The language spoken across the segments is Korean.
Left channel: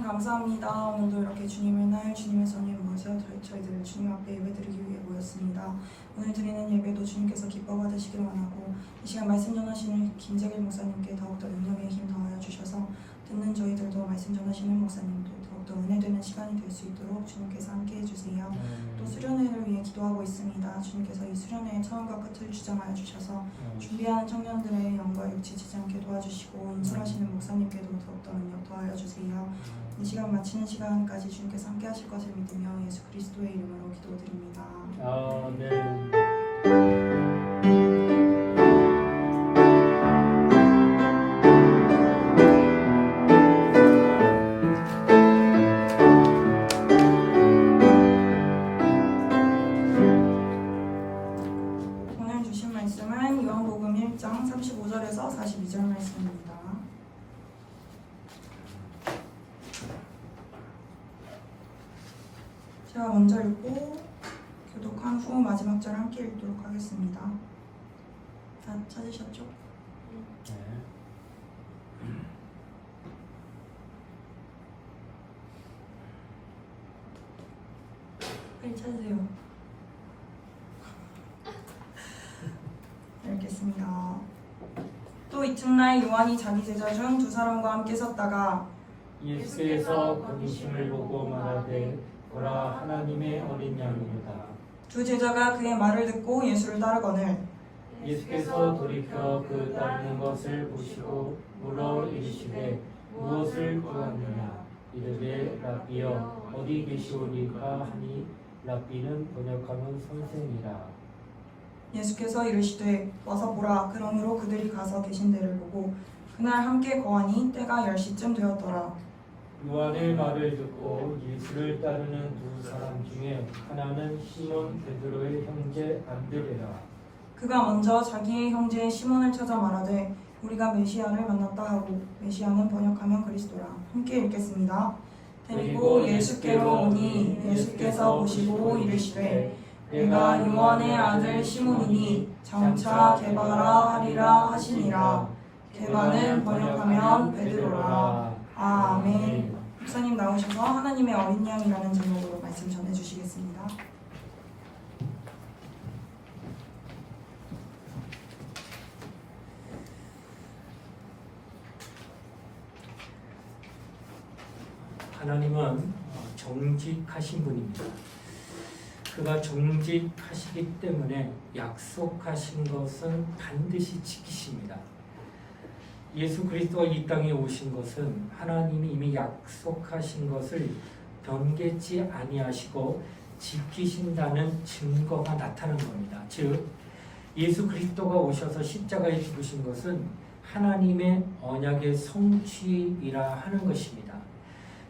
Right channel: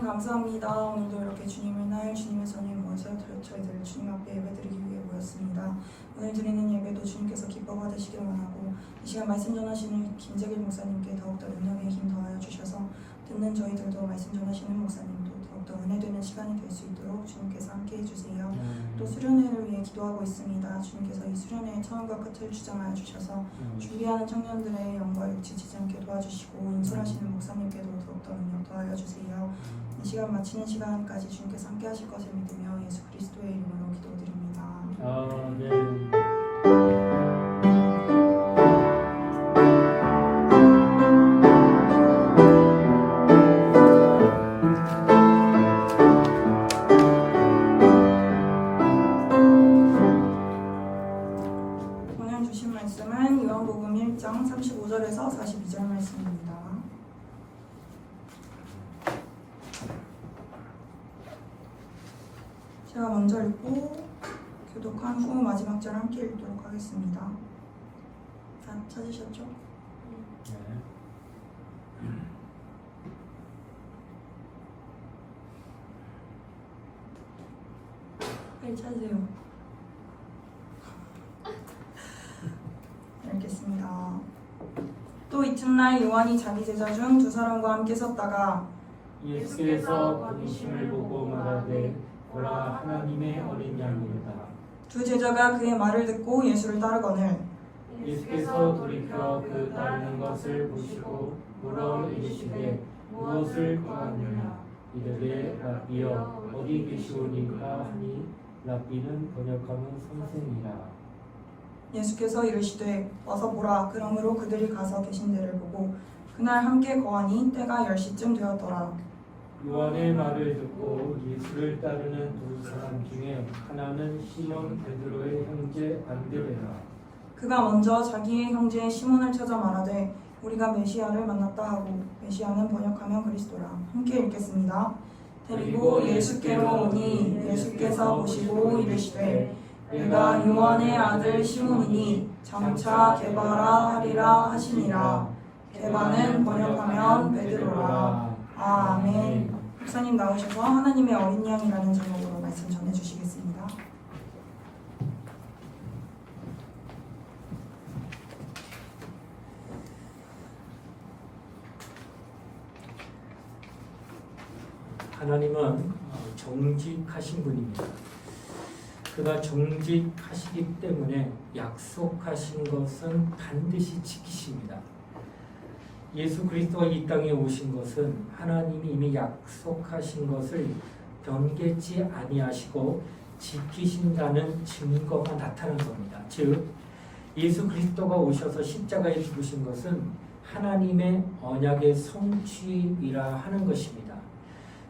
감사합니다. 오늘도 이렇게 주님의 날, 주님의 손님 모셔 저희들 주님 앞에 예배드리기 위해 모였습니다. 오늘 드리는 예배도 주님께서 기뻐 받으시길 원하고 이 시간 말씀 전하시는 김재길 목사님께 더욱더 능력의 힘 더하여 주셔서 듣는 저희들도 말씀 전하시는 목사님도 더욱더 은혜되는 시간이 될 수 있도록 주님께서 함께 해주세요. 또 수련회를 위해 기도하고 있습니다. 주님께서 이 수련회의 처음과 끝을 주장하여 주셔서 준비하는 청년들의 영과 육체 지지 않게 도와주시고 인솔하시는 목사님께도 더욱더 능력 더하여 주세요. 이 시간 마치는 시간까지 주님께서 함께 하실 것을 믿으며 예수 그리스도의 이름으로 기도드립니다. 아멘. 오늘 주신 말씀은 요한복음 1장 35절에서 42절 말씀입니다. 제가 먼저 읽고 교독한 후 마지막 절 함께 읽도록 하겠습니다. 다 찾으셨죠? 네. 찾으세요. 읽겠습니다. 또 이튿날 요한이 자기 제자 중 두 사람과 함께 섰다가 예수께서 거두심을 보고 말하되 보라 하나님의 어린 양이로다. 두 제자가 그의 말을 듣고 예수를 따르거늘 예수께서 돌이켜 그 따르는 것을 보시고 물어 이르시되 무엇을 구하느냐. 이르되 랍비여 어디 계시오니까 하니 랍비는 번역하면 선생이라. 예수께서 이르시되 와서 보라. 그러므로 그들이 가서 계신 데를 보고 그날 함께 거하니 때가 10시쯤 되었더라. 요한의 말을 듣고 예수를 따르는 두 사람 중에 하나는 시몬 베드로의 형제 안드레라. 그가 먼저 자기의 형제 시몬을 찾아 말하되 우리가 메시아를 만났다 하고 메시아는 번역하면 그리스도라. 함께 읽겠습니다. 데리고 예수께로 오니 예수께서 보시고 이르시되 내가 요한의 아들 시몬이니 장차 게바라 하리라 하시니라. 게바는 번역하면 베드로라. 아멘. 목사님 나오셔서 하나님의 어린 양이라는 제목으로 말씀 전해주시겠습니다. 하나님은 정직하신 분입니다. 그가 정직하시기 때문에 약속하신 것은 반드시 지키십니다. 예수 그리스도가 이 땅에 오신 것은 하나님이 이미 약속하신 것을 변개치 아니하시고 지키신다는 증거가 나타난 겁니다. 즉 예수 그리스도가 오셔서 십자가에 죽으신 것은 하나님의 언약의 성취이라 하는 것입니다.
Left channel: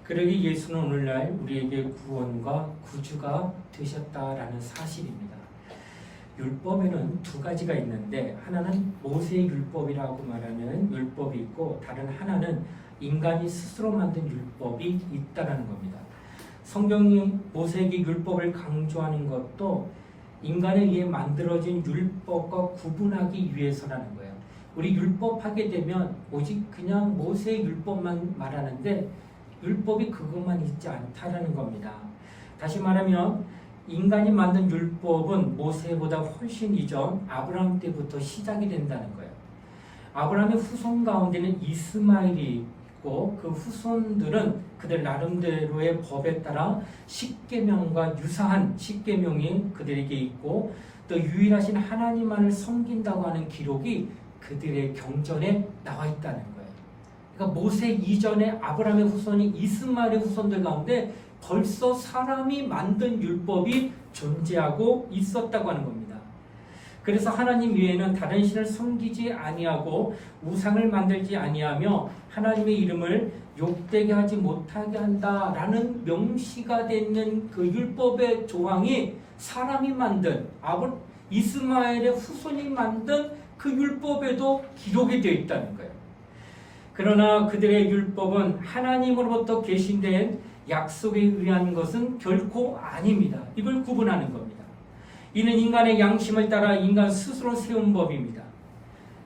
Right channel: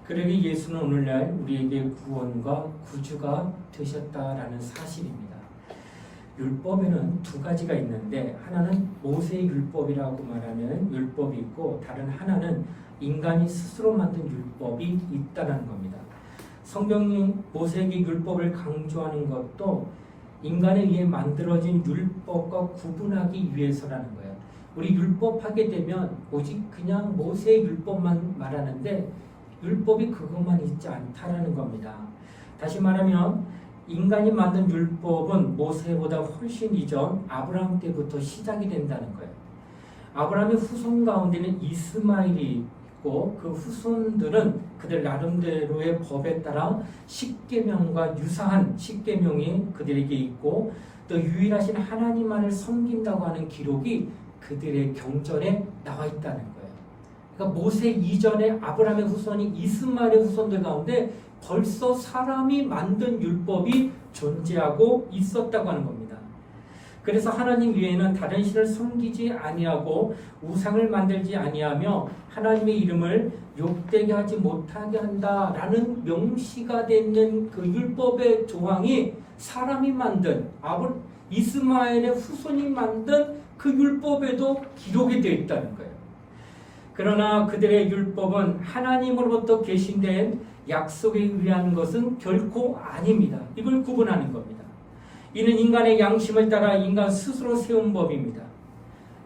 그러기 예수는 오늘날 우리에게 구원과 구주가 되셨다라는 사실입니다. 율법에는 두 가지가 있는데 하나는 모세의 율법이라고 말하는 율법이 있고 다른 하나는 인간이 스스로 만든 율법이 있다는 겁니다. 성경이 모세에게 율법을 강조하는 것도 인간에 의해 만들어진 율법과 구분하기 위해서라는 거예요. 우리 율법하게 되면 오직 그냥 모세의 율법만 말하는데 율법이 그것만 있지 않다라는 겁니다. 다시 말하면 인간이 만든 율법은 모세보다 훨씬 이전 아브라함 때부터 시작이 된다는 거예요. 아브라함의 후손 가운데는 이스마엘이 있고 그 후손들은 그들 나름대로의 법에 따라 십계명과 유사한 십계명이 그들에게 있고 또 유일하신 하나님만을 섬긴다고 하는 기록이 그들의 경전에 나와 있다는 거예요. 그러니까 모세 이전에 아브라함의 후손이 이스마엘의 후손들 가운데 벌써 사람이 만든 율법이 존재하고 있었다고 하는 겁니다. 그래서 하나님 외에는 다른 신을 섬기지 아니하고 우상을 만들지 아니하며 하나님의 이름을 욕되게 하지 못하게 한다라는 명시가 되는 그 율법의 조항이 사람이 만든 이스마엘의 후손이 만든 그 율법에도 기록이 되어 있다는 거예요. 그러나 그들의 율법은 하나님으로부터 계신된 약속에 의한 것은 결코 아닙니다. 이걸 구분하는 겁니다. 이는 인간의 양심을 따라 인간 스스로 세운 법입니다.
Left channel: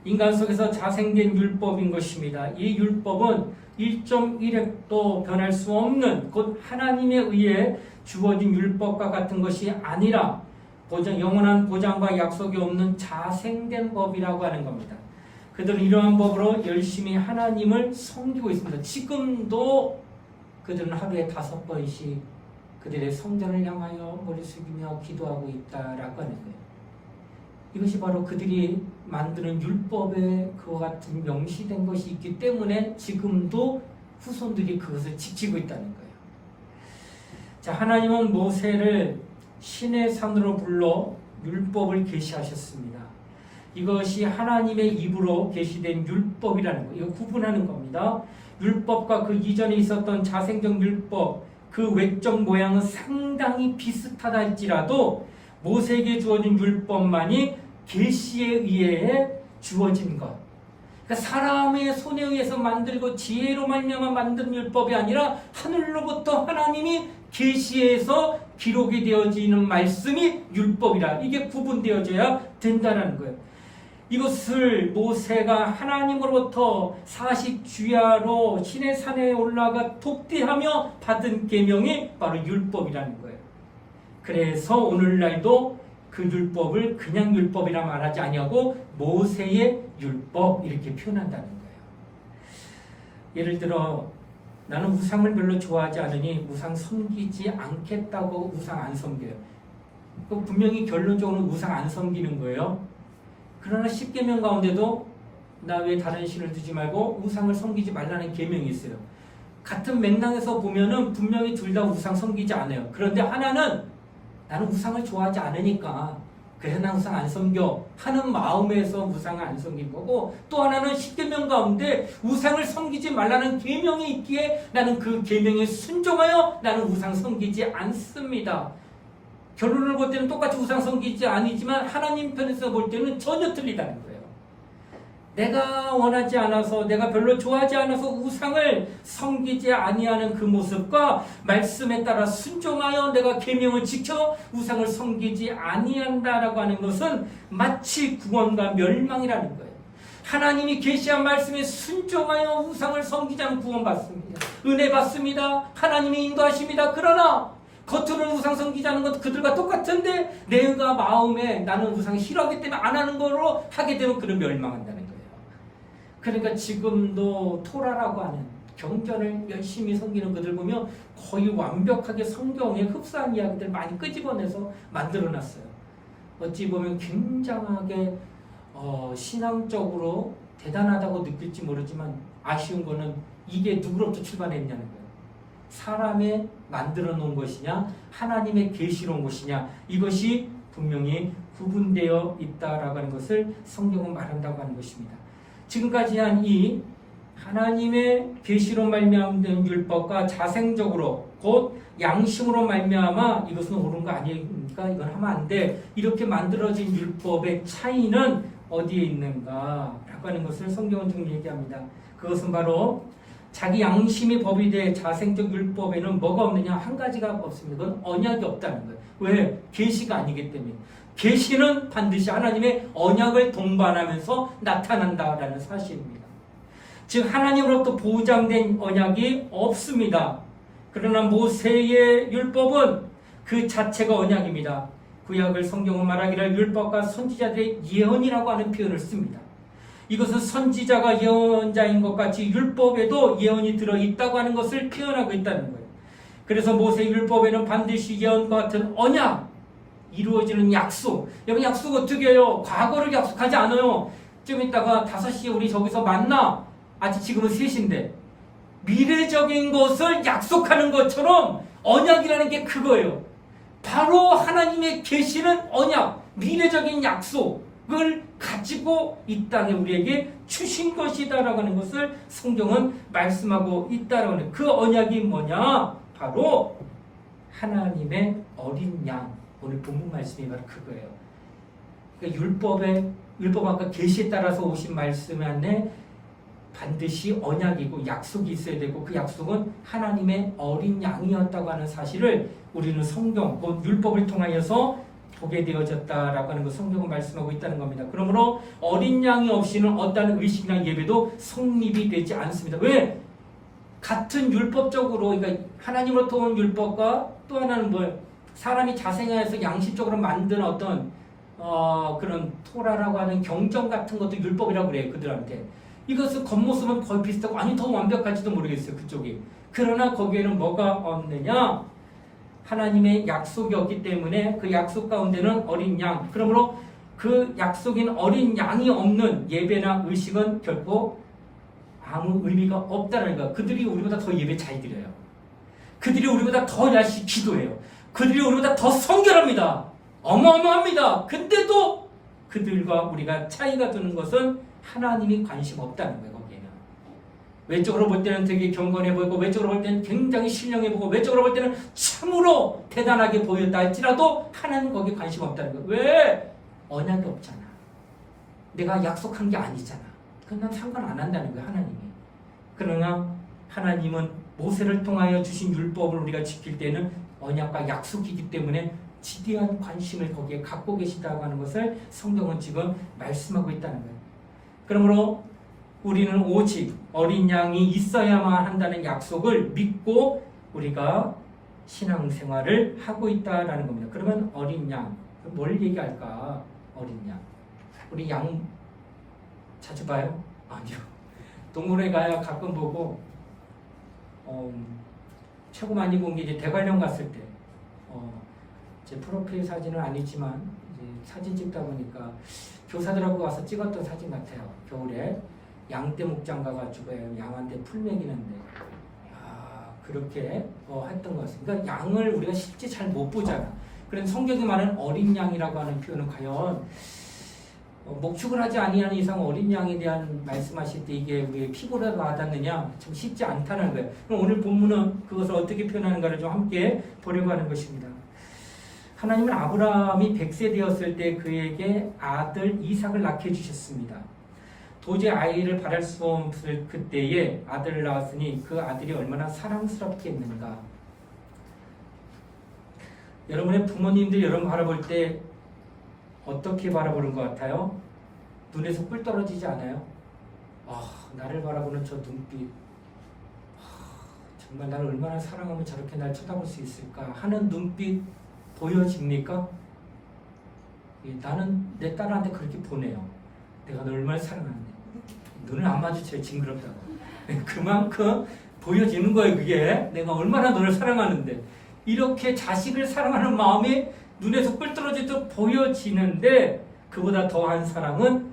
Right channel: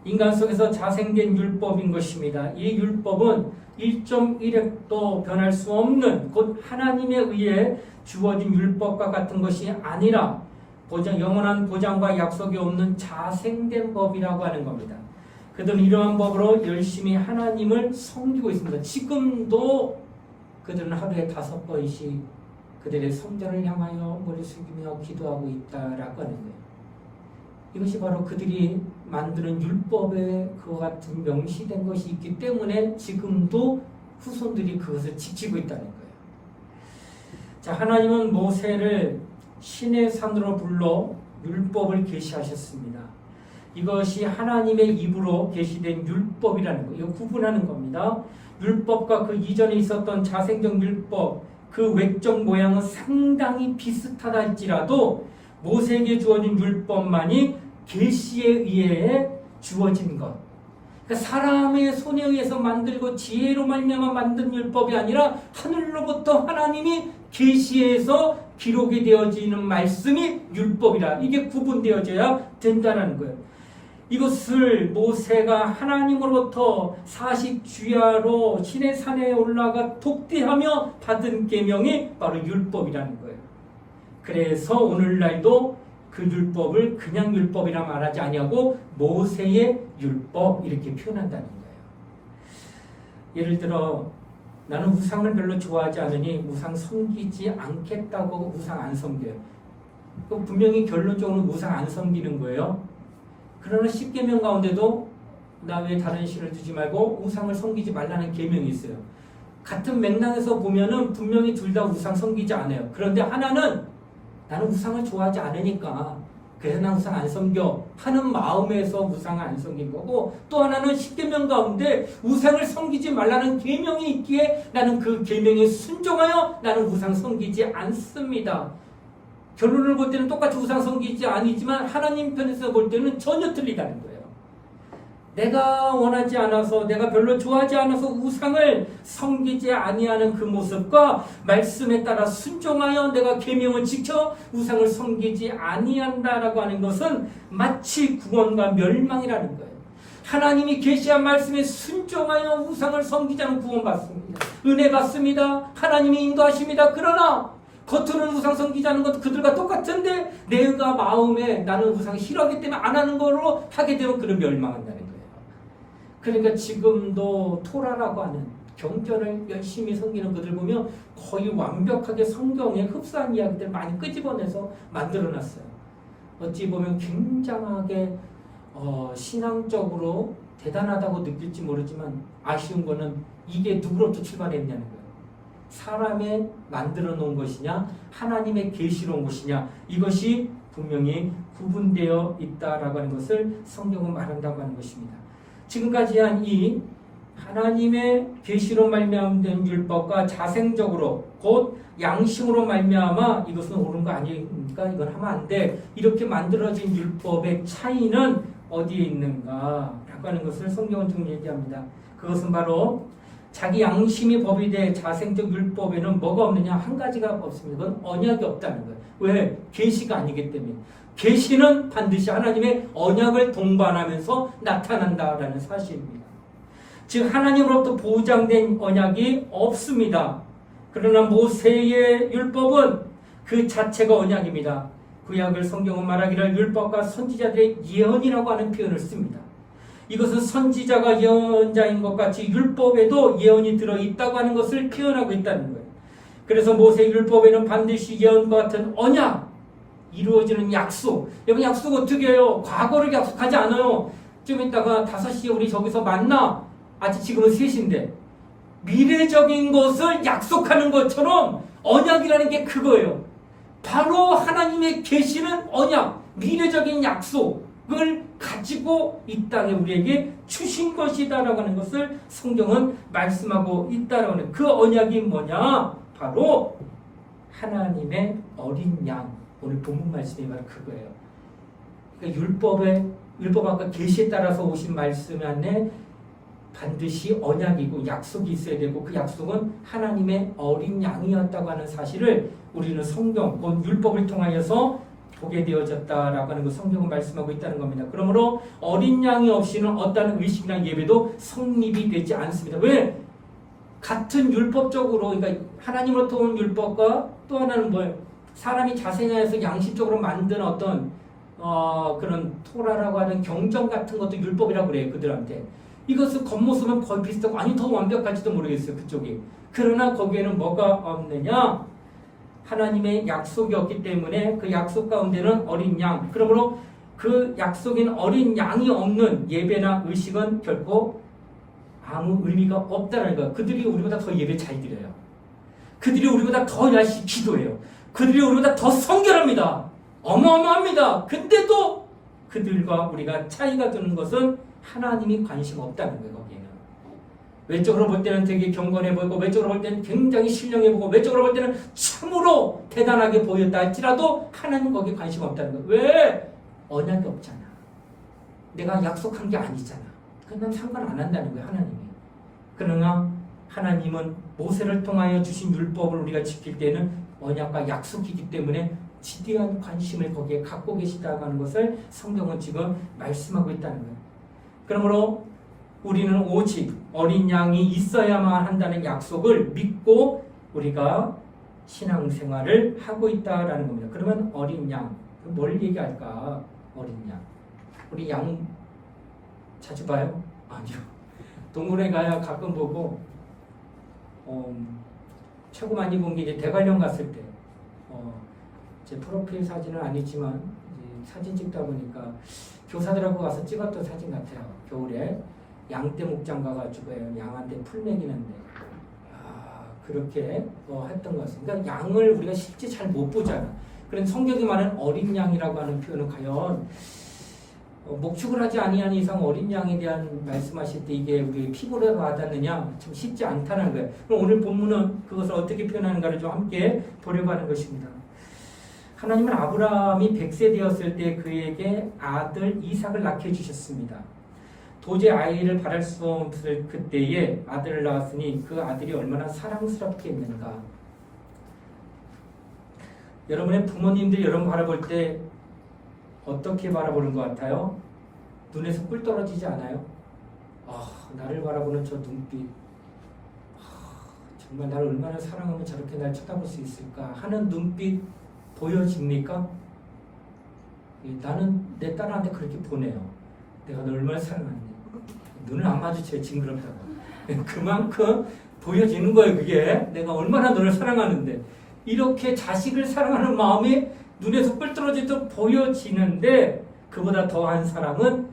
인간 속에서 자생된 율법인 것입니다. 이 율법은 1.1획도 변할 수 없는 곧 하나님에 의해 주어진 율법과 같은 것이 아니라 영원한 보장과 약속이 없는 자생된 법이라고 하는 겁니다. 그들은 이러한 법으로 열심히 하나님을 섬기고 있습니다. 지금도 그들은 하루에 5번씩 그들의 성전을 향하여 머리 숙이며 기도하고 있다라고 하는 거예요. 이것이 바로 그들이 만드는 율법에 그와 같은 명시된 것이 있기 때문에 지금도 후손들이 그것을 지키고 있다는 거예요. 자, 하나님은 모세를 신의 산으로 불러 율법을 계시하셨습니다. 이것이 하나님의 입으로 계시된 율법이라는 거예요. 이거 구분하는 겁니다. 율법과 그 이전에 있었던 자생적 율법, 그 외적 모양은 상당히 비슷하다 할지라도 모세에게 주어진 율법만이 계시에 의해 주어진 것. 그러니까 사람의 손에 의해서 만들고 지혜로 말미암아 만든 율법이 아니라 하늘로부터 하나님이 계시에서 기록이 되어지는 말씀이 율법이라. 이게 구분되어져야 된다는 거예요. 이것을 모세가 하나님으로부터 40주야로 신의 산에 올라가 독대하며 받은 계명이 바로 율법이라는 거예요. 그래서 오늘날도 그 율법을 그냥 율법이라 말하지 아니하고 모세의 율법 이렇게 표현한다는 거예요. 예를 들어 나는 우상을 별로 좋아하지 않으니 우상 섬기지 않겠다고 우상 안 섬겨요. 그럼 분명히 결론적으로 우상 안 섬기는 거예요. 그러나 10계명 가운데도 나 왜 다른 신을 두지 말고 우상을 섬기지 말라는 계명이 있어요. 같은 맥락에서 보면은 분명히 둘 다 우상 섬기지 않아요. 그런데 하나는 나는 우상을 좋아하지 않으니까 그래서 난 우상 안 섬겨 하는 마음에서 우상을 안 섬긴 거고, 또 하나는 10계명 가운데 우상을 섬기지 말라는 계명이 있기에 나는 그 계명에 순종하여 나는 우상 섬기지 않습니다. 결론을 볼 때는 똑같이 우상 섬기지 아니지만 하나님 편에서 볼 때는 전혀 틀리다는 거예요. 내가 원하지 않아서 내가 별로 좋아하지 않아서 우상을 섬기지 아니하는 그 모습과 말씀에 따라 순종하여 내가 계명을 지켜 우상을 섬기지 아니한다라고 하는 것은 마치 구원과 멸망이라는 거예요. 하나님이 계시한 말씀에 순종하여 우상을 섬기지 않으면 구원받습니다. 은혜 받습니다. 하나님이 인도하십니다. 그러나 겉으로는 우상 섬기자는 것도 그들과 똑같은데 내가 마음에 나는 우상 싫어하기 때문에 안 하는 거로 하게 되면 그를 멸망한다는 거예요. 그러니까 지금도 토라라고 하는 경전을 열심히 섬기는 그들 보면 거의 완벽하게 성경에 흡사한 이야기들 많이 끄집어내서 만들어놨어요. 어찌 보면 굉장하게 신앙적으로 대단하다고 느낄지 모르지만 아쉬운 거는 이게 누구로부터 출발했냐는 거예요. 사람의 만들어 놓은 것이냐 하나님의 계시로 온 것이냐, 이것이 분명히 구분되어 있다라고 하는 것을 성경은 말한다고 하는 것입니다. 지금까지 한 이 하나님의 계시로 말미암은 율법과 자생적으로 곧 양심으로 말미암아 이것은 옳은 거 아니니까 이건 하면 안 돼 이렇게 만들어진 율법의 차이는 어디에 있는가 라고 하는 것을 성경은 좀 얘기합니다. 그것은 바로 자기 양심이 법이 돼 자생적 율법에는 뭐가 없느냐? 한 가지가 없습니다. 그건 언약이 없다는 거예요. 왜? 계시가 아니기 때문에. 계시는 반드시 하나님의 언약을 동반하면서 나타난다라는 사실입니다. 즉 하나님으로부터 보장된 언약이 없습니다. 그러나 모세의 율법은 그 자체가 언약입니다. 구약을 성경은 말하기를 율법과 선지자들의 예언이라고 하는 표현을 씁니다. 이것은 선지자가 예언자인 것 같이 율법에도 예언이 들어있다고 하는 것을 표현하고 있다는 거예요. 그래서 모세 율법에는 반드시 예언과 같은 언약, 이루어지는 약속. 여러분 약속 어떻게 해요? 과거를 약속하지 않아요. 좀 이따가 5시에 우리 저기서 만나. 아직 지금은 3시인데. 미래적인 것을 약속하는 것처럼 언약이라는 게 그거예요. 바로 하나님의 계시는 언약, 미래적인 약속을 가지고 이 땅에 우리에게 주신 것이다라고 하는 것을 성경은 말씀하고 있다라고 하는 그 언약이 뭐냐? 바로 하나님의 어린 양. 오늘 본문 말씀이 바로 그거예요. 그러니까 율법 아까 계시에 따라서 오신 말씀 안에 반드시 언약이고 약속이 있어야 되고 그 약속은 하나님의 어린 양이었다고 하는 사실을 우리는 성경, 곧 율법을 통하여서 보게 되어졌다라고 하는 거 성경은 말씀하고 있다는 겁니다. 그러므로 어린 양이 없이는 어떠한 의식이나 예배도 성립이 되지 않습니다. 왜? 같은 율법적으로, 그러니까 하나님으로부터 온 율법과 또 하나는 뭐예요? 사람이 자생하여서 양식적으로 만든 어떤 그런 토라라고 하는 경전 같은 것도 율법이라고 그래요. 그들한테. 이것은 겉모습은 거의 비슷하고 아니 더 완벽할지도 모르겠어요. 그쪽이. 그러나 거기에는 뭐가 없느냐? 하나님의 약속이 없기 때문에 그 약속 가운데는 어린 양. 그러므로 그 약속인 어린 양이 없는 예배나 의식은 결코 아무 의미가 없다는 거예요. 그들이 우리보다 더 예배 잘 드려요. 그들이 우리보다 더 열심히 기도해요. 그들이 우리보다 더 성결합니다. 어마어마합니다. 근데도 그들과 우리가 차이가 두는 것은 하나님이 관심 없다는 거예요. 거기에는. 외적으로 볼 때는 되게 경건해 보이고 외적으로 볼 때는 굉장히 신령해 보이고 외적으로 볼 때는 참으로 대단하게 보였다 할지라도 하나님 거기에 관심 없다는 거예요. 왜? 언약이 없잖아. 내가 약속한 게 아니잖아. 그건 상관 안 한다는 거예요. 하나님이. 그러나 하나님은 모세를 통하여 주신 율법을 우리가 지킬 때는 언약과 약속이기 때문에 지대한 관심을 거기에 갖고 계시다고 하는 것을 성경은 지금 말씀하고 있다는 거예요. 그러므로 우리는 오직 어린 양이 있어야만 한다는 약속을 믿고 우리가 신앙생활을 하고 있다라는 겁니다. 그러면 어린 양, 뭘 얘기할까? 어린 양. 우리 양 자주 봐요? 아니요. 동물에 가야 가끔 보고 최고 많이 본 게 이제 대관령 갔을 때 제 프로필 사진은 아니지만 이제 사진 찍다 보니까 교사들하고 와서 찍었던 사진 같아요. 겨울에 양떼 목장 가가지고 양한테 풀 먹이는데 그렇게 했던 것은 그러니까 양을 우리가 실제 잘 못 보잖아. 그래서 성경이 말하는 어린 양이라고 하는 표현은 과연 목축을 하지 아니하는 이상 어린 양에 대한 말씀하실 때 이게 우리 피부로 와닿느냐 참 쉽지 않다는 거예요. 그럼 오늘 본문은 그것을 어떻게 표현하는가를 좀 함께 보려고 하는 것입니다. 하나님은 아브라함이 100세 되었을 때 그에게 아들 이삭을 낳게 해주셨습니다. 도저히 아이를 바랄 수 없을 그때에 아들을 낳았으니 그 아들이 얼마나 사랑스럽겠는가. 여러분의 부모님들 여러분 바라볼 때 어떻게 바라보는 것 같아요? 눈에서 꿀 떨어지지 않아요? 나를 바라보는 저 눈빛, 정말 나를 얼마나 사랑하면 저렇게 날 쳐다볼 수 있을까 하는 눈빛 보여집니까? 나는 내 딸한테 그렇게 보내요. 내가 널 얼마나 사랑하는데. 눈을 안 마주쳐요. 징그럽다고. 그만큼 보여지는 거예요. 그게 내가 얼마나 너를 사랑하는데. 이렇게 자식을 사랑하는 마음이 눈에서 꿀 떨어지듯 보여지는데 그보다 더한 사랑은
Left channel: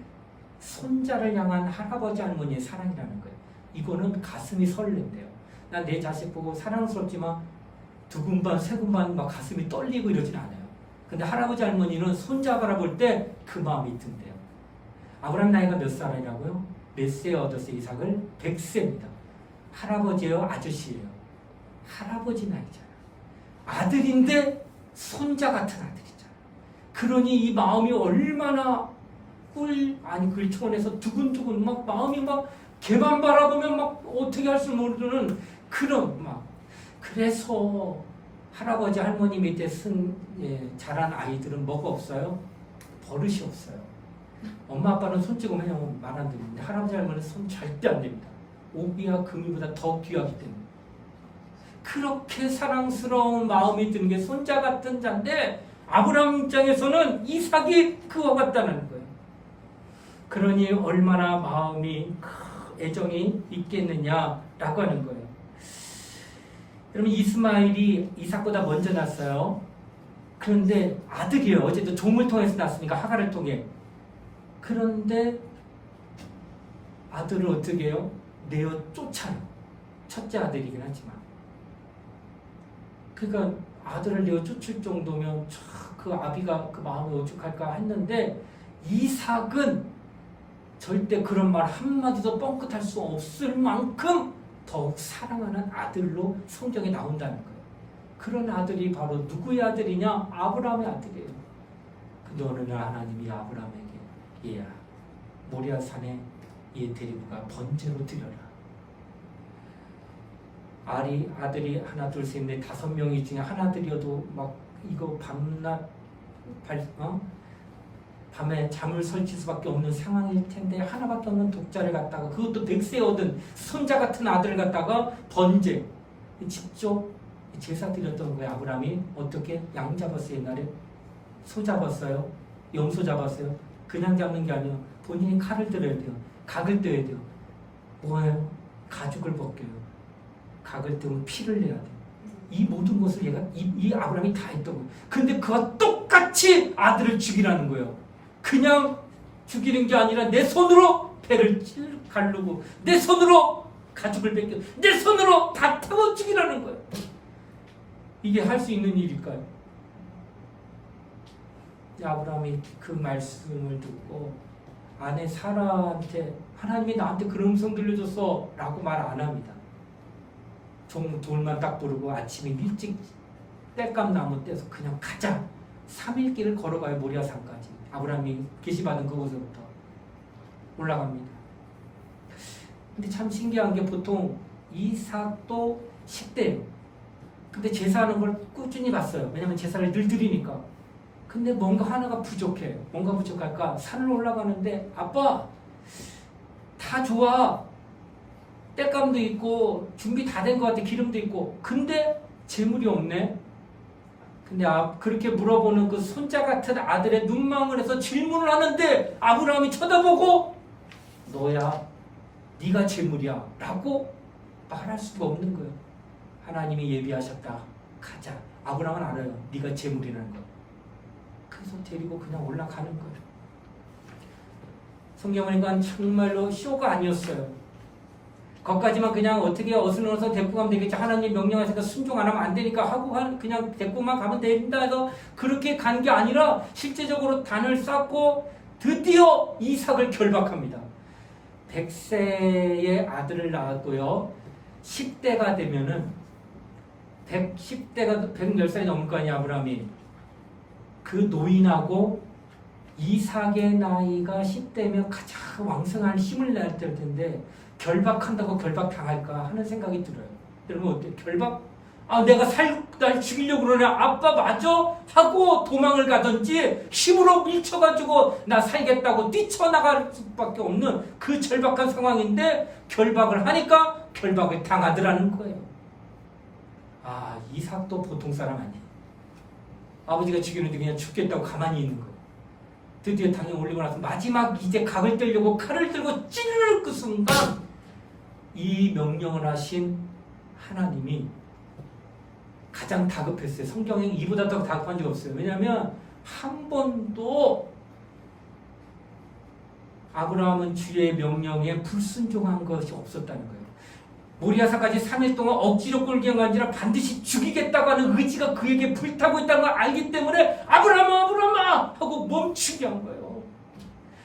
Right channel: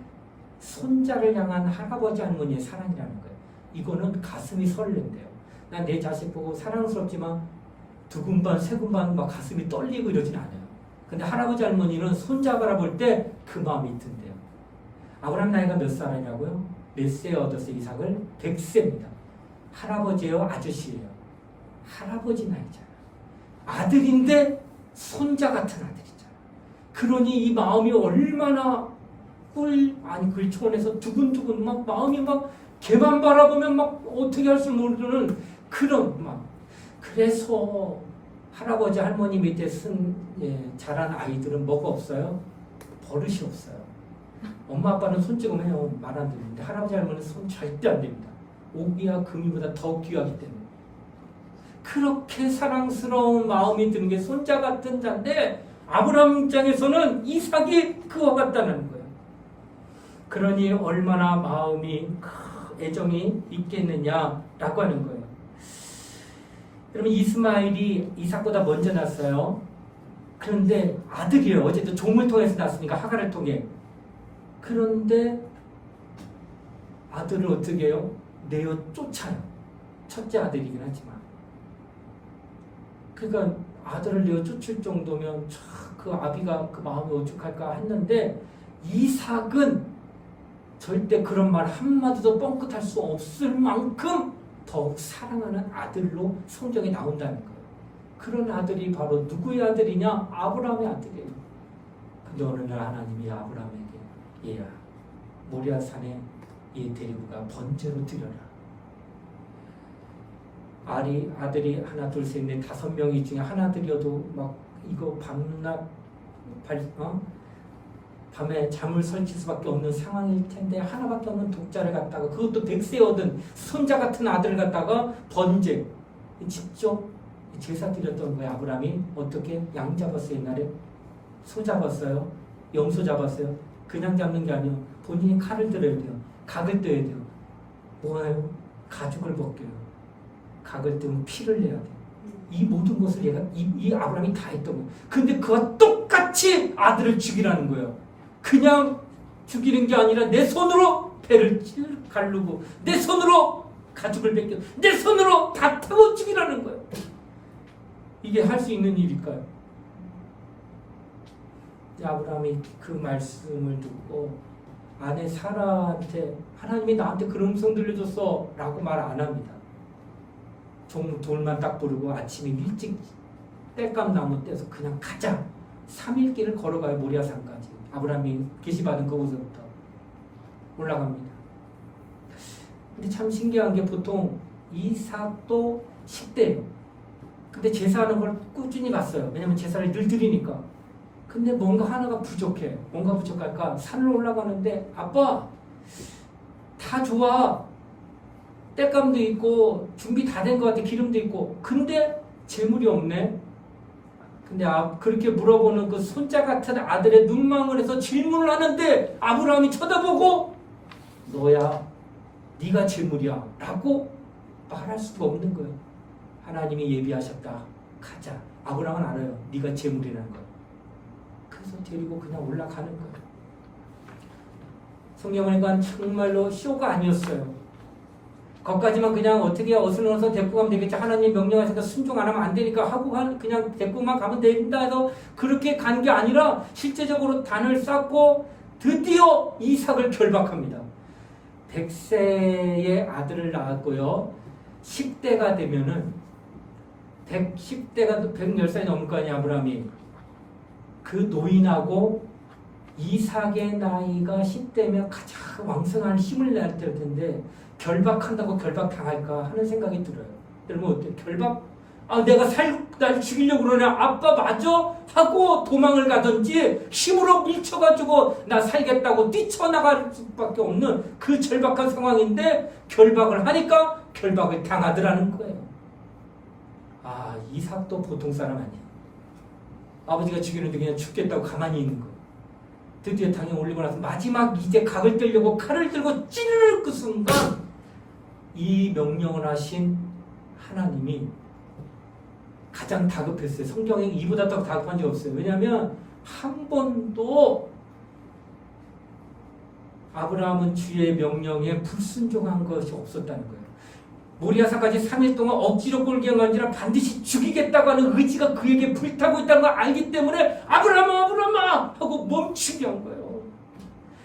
손자를 향한 할아버지 할머니의 사랑이라는 거예요. 이거는 가슴이 설렌대요. 난 내 자식 보고 사랑스럽지만 두근반 세근반 막 가슴이 떨리고 이러진 않아요. 근데 할아버지 할머니는 손자 바라볼 때 그 마음이 든대요. 아브라함 나이가 몇 살이라고요? 몇 세에 얻었어요? 이삭을? 100세입니다. 할아버지예요? 아저씨예요? 할아버지 나이잖아. 아들인데 손자 같은 아들이잖아. 그러니 이 마음이 얼마나 그 차원에서 두근두근 막 마음이 막 걔만 바라보면 막 어떻게 할 줄 모르는 그런 막. 그래서 할아버지 할머니 밑에 자란 아이들은 뭐가 없어요? 버릇이 없어요. 엄마 아빠는 손 찍으면 말 안 듣는데 할아버지 할머니는 손 절대 안 됩니다. 오기와 금이보다 더 귀하기 때문에. 그렇게 사랑스러운 마음이 드는 게 손자 같은 자인데 아브라함 입장에서는 이삭이 그와 같다는 거예요. 그러니 얼마나 마음이 애정이 있겠느냐라고 하는 거예요. 여러분 이스마엘이 이삭보다 먼저 났어요. 그런데 아들이에요. 어쨌든 종을 통해서 났으니까 하갈을 통해. 그런데 아들을 어떻게 해요? 내어 쫓아요. 첫째 아들이긴 하지만. 그러니까 아들을 내어 쫓을 정도면 그 아비가 그 마음이 오죽할까 했는데 이삭은 절대 그런 말 한마디도 뻥끗할 수 없을 만큼 더욱 사랑하는 아들로 성경에 나온다는 거예요. 그런 아들이 바로 누구의 아들이냐? 아브라함의 아들이에요. 근데 어느 날 하나님이 아브라함에게 얘야 모리아 산에 얘 데리고 가 번제로 드려라. 아들이 하나 둘 셋 넷 5명이 중에 하나들이어도 막 이거 밤에 잠을 설칠 수밖에 없는 상황일 텐데 하나밖에 없는 독자를 갖다가 그것도 100세 얻은 손자 같은 아들을 갖다가 번제 직접 제사 드렸던 거예요. 아브라함이 어떻게 양 잡았어요? 옛날에 소 잡았어요? 염소 잡았어요? 그냥 잡는 게 아니에요. 본인이 칼을 들어야 돼요. 각을 떼야 돼요. 뭐예요? 가죽을 벗겨요. 각을 떼면 피를 내야 돼요. 이 모든 것을 이 아브라함이 다 했던 거예요. 근데 그와 똑같이 아들을 죽이라는 거예요. 그냥 죽이는 게 아니라 내 손으로 배를 가르고 내 손으로 가죽을 벗겨 내 손으로 다 태워 죽이라는 거예요. 이게 할 수 있는 일일까요? 아브라함이 그 말씀을 듣고 아내 사라한테 하나님이 나한테 그런 음성 들려줬어 라고 말 안 합니다. 돌만 딱 부르고 아침에 일찍 땔감 나무 떼서 그냥 가자. 3일 길을 걸어가요. 모리아산까지. 아브라함이 계시받은 그곳으로부터 올라갑니다. 근데 참 신기한 게 보통 이삭도 10대 근데 제사하는 걸 꾸준히 갔어요. 왜냐면 제사를 늘 드리니까. 근데 뭔가 하나가 부족해. 뭔가 부족할까? 산을 올라가는데 아빠 다 좋아. 땔감도 있고 준비 다 된 것 같아. 기름도 있고. 근데 재물이 없네. 근데 그렇게 물어보는 그 손자 같은 아들의 눈망울에서 질문을 하는데 아브라함이 쳐다보고 너야. 네가 재물이야. 라고 말할 수가 없는 거예요. 하나님이 예비하셨다. 가자. 아브라함은 알아요. 네가 재물이라는 거. 그래서 데리고 그냥 올라가는 거예요. 성경을 보니까 정말로 쇼가 아니었어요. 거기까지만 그냥 어떻게 어슬렁어서 데리고 가면 되겠지. 하나님 명령하시니까 순종 안 하면 안 되니까 하고 그냥 데리고만 가면 된다 해서 그렇게 간 게 아니라 실제적으로 단을 쌓고 드디어 이삭을 결박합니다. 100세의 아들을 낳았고요. 10대가 되면은 10대가 110살이 넘을 거 아니야. 아브라함이. 그 노인하고 이삭의 나이가 10대면 가장 왕성한 힘을 낼 때일 텐데 결박한다고 결박당할까 하는 생각이 들어요. 여러분 어때요? 결박? 내가 날 죽이려고 그러냐? 아빠 맞아? 하고 도망을 가든지 힘으로 밀쳐가지고 나 살겠다고 뛰쳐나갈 수밖에 없는 그 절박한 상황인데 결박을 하니까 결박을 당하더라는 거예요. 이삭도 보통 사람 아니에요. 아버지가 죽이는데 그냥 죽겠다고 가만히 있는 거예요. 드디어 당에 올리고 나서 마지막 이제 각을 떼려고 칼을 들고 찌르는 그 순간 이 명령을 하신 하나님이 가장 다급했어요. 성경에 이보다 더 다급한 적 없어요. 왜냐하면 한 번도 아브라함은 주의 명령에 불순종한 것이 없었다는 거예요. 모리아산까지 3일 동안 억지로 끌게 한 게 아니라 반드시 죽이겠다고 하는 의지가 그에게 불타고 있다는 걸 알기 때문에 아브라함아 하고 멈추게 한 거예요.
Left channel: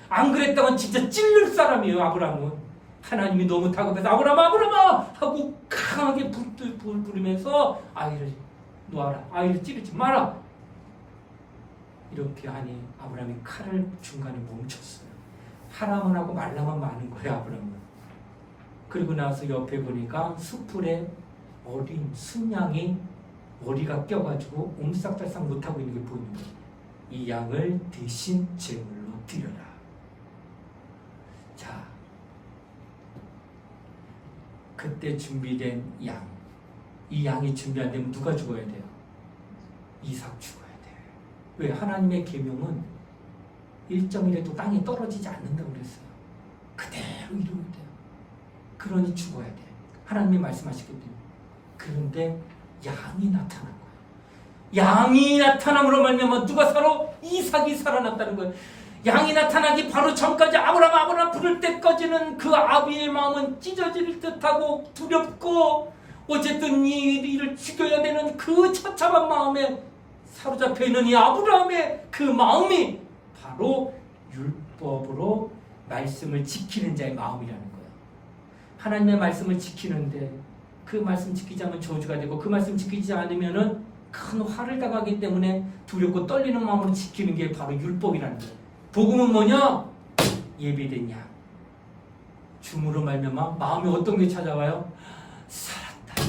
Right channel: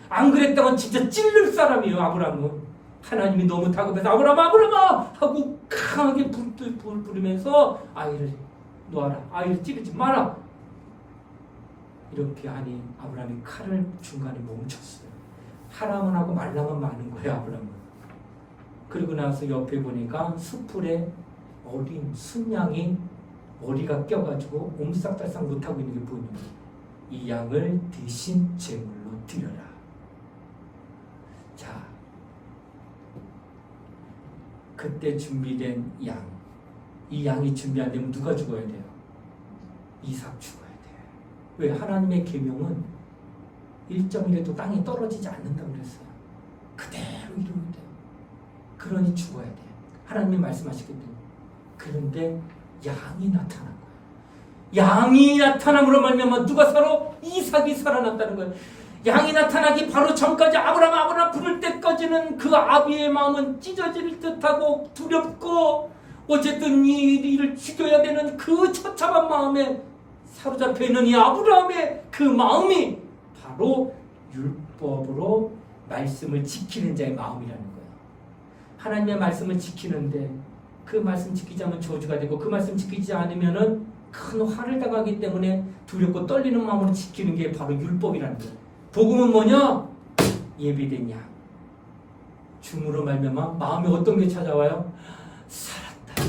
안 그랬다면 진짜 찔릴 사람이에요. 아브라함은. 하나님이 너무 다급해서 아브라함아 하고 강하게 불 부르면서 아이를 놓아라. 아이를 찌르지 마라. 이렇게 하니 아브라함이 칼을 중간에 멈췄어요. 하라면 하고 말라면 마는 거예요. 아브라함은. 그리고 나서 옆에 보니까 수풀에 어린 순양이 머리가 껴가지고 옴싹달싹 못하고 있는 게 보입니다. 이 양을 대신 제물로 드려라. 자, 그때 준비된 양. 이 양이 준비 안 되면 누가 죽어야 돼요? 이삭 죽어야 돼요. 왜? 하나님의 계명은 1.1에도 땅에 떨어지지 않는다고 그랬어요. 그대로 이루면 돼요. 그러니 죽어야 돼. 하나님이 말씀하시기 때문에. 그런데 양이 나타난 거예요. 양이 나타남으로 말미암아 누가 살아? 이삭이 살아났다는 거예요. 양이 나타나기 바로 전까지 아브라함 부를 때까지는 그 아비의 마음은 찢어질 듯하고 두렵고 어쨌든 이 일을 죽여야 되는 그 처참한 마음에 사로잡혀 있는 이 아브라함의 그 마음이 바로 율법으로 말씀을 지키는 자의 마음이라는 거야. 하나님의 말씀을 지키는데 그 말씀 지키지 않으면 저주가 되고 그 말씀 지키지 않으면은 큰 화를 당하기 때문에 두렵고 떨리는 마음으로 지키는 게 바로 율법이라는 거야. 복음은 뭐냐? 예비된 양. 줌으로 말미암아 마음이 어떤 게 찾아와요? 살았다.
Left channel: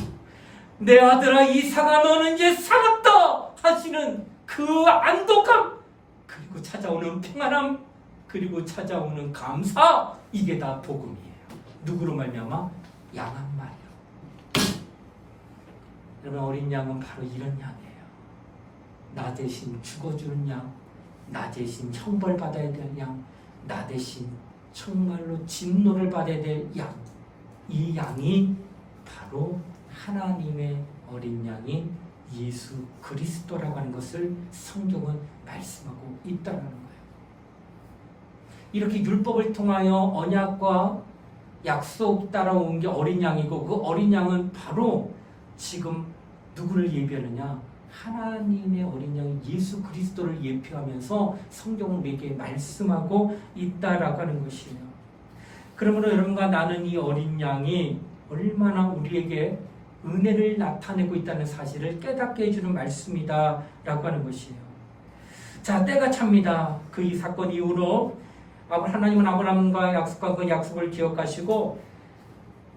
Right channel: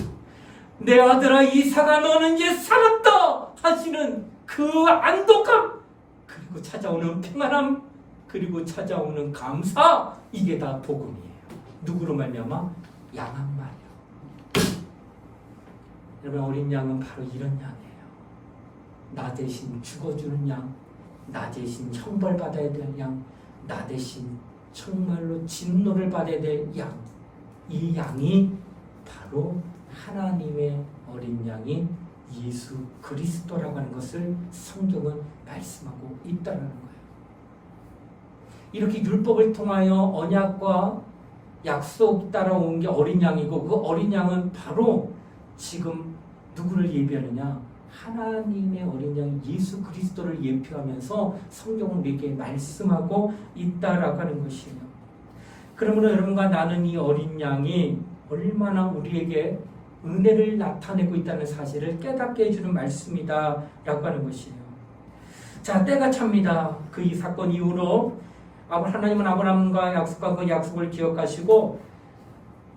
내 아들아 이삭아 너는 이제 살았다 하시는 그 안독감, 그리고 찾아오는 평안함, 그리고 찾아오는 감사, 이게 다 복음이에요. 누구로 말미암아? 양 한 마리요. 여러분, 어린 양은 바로 이런 양이에요. 나 대신 죽어주는 양, 나 대신 형벌받아야 될 양, 나 대신 정말로 진노를 받아야 될 양. 이 양이 바로 하나님의 어린 양인 예수 그리스도라고 하는 것을 성경은 말씀하고 있다는 거예요. 이렇게 율법을 통하여 언약과 약속 따라온 게 어린 양이고, 그 어린 양은 바로 지금 누구를 예비하느냐? 하나님의 어린 양 예수 그리스도를 예표하면서 성경은 우리에게 말씀하고 있다라고 하는 것이에요. 그러므로 여러분과 나는 이 어린 양이 얼마나 우리에게 은혜를 나타내고 있다는 사실을 깨닫게 해주는 말씀이다라고 하는 것이에요. 자, 때가 찹니다. 그 이 사건 이후로 하나님은 아브라함과 약속과 그 약속을 기억하시고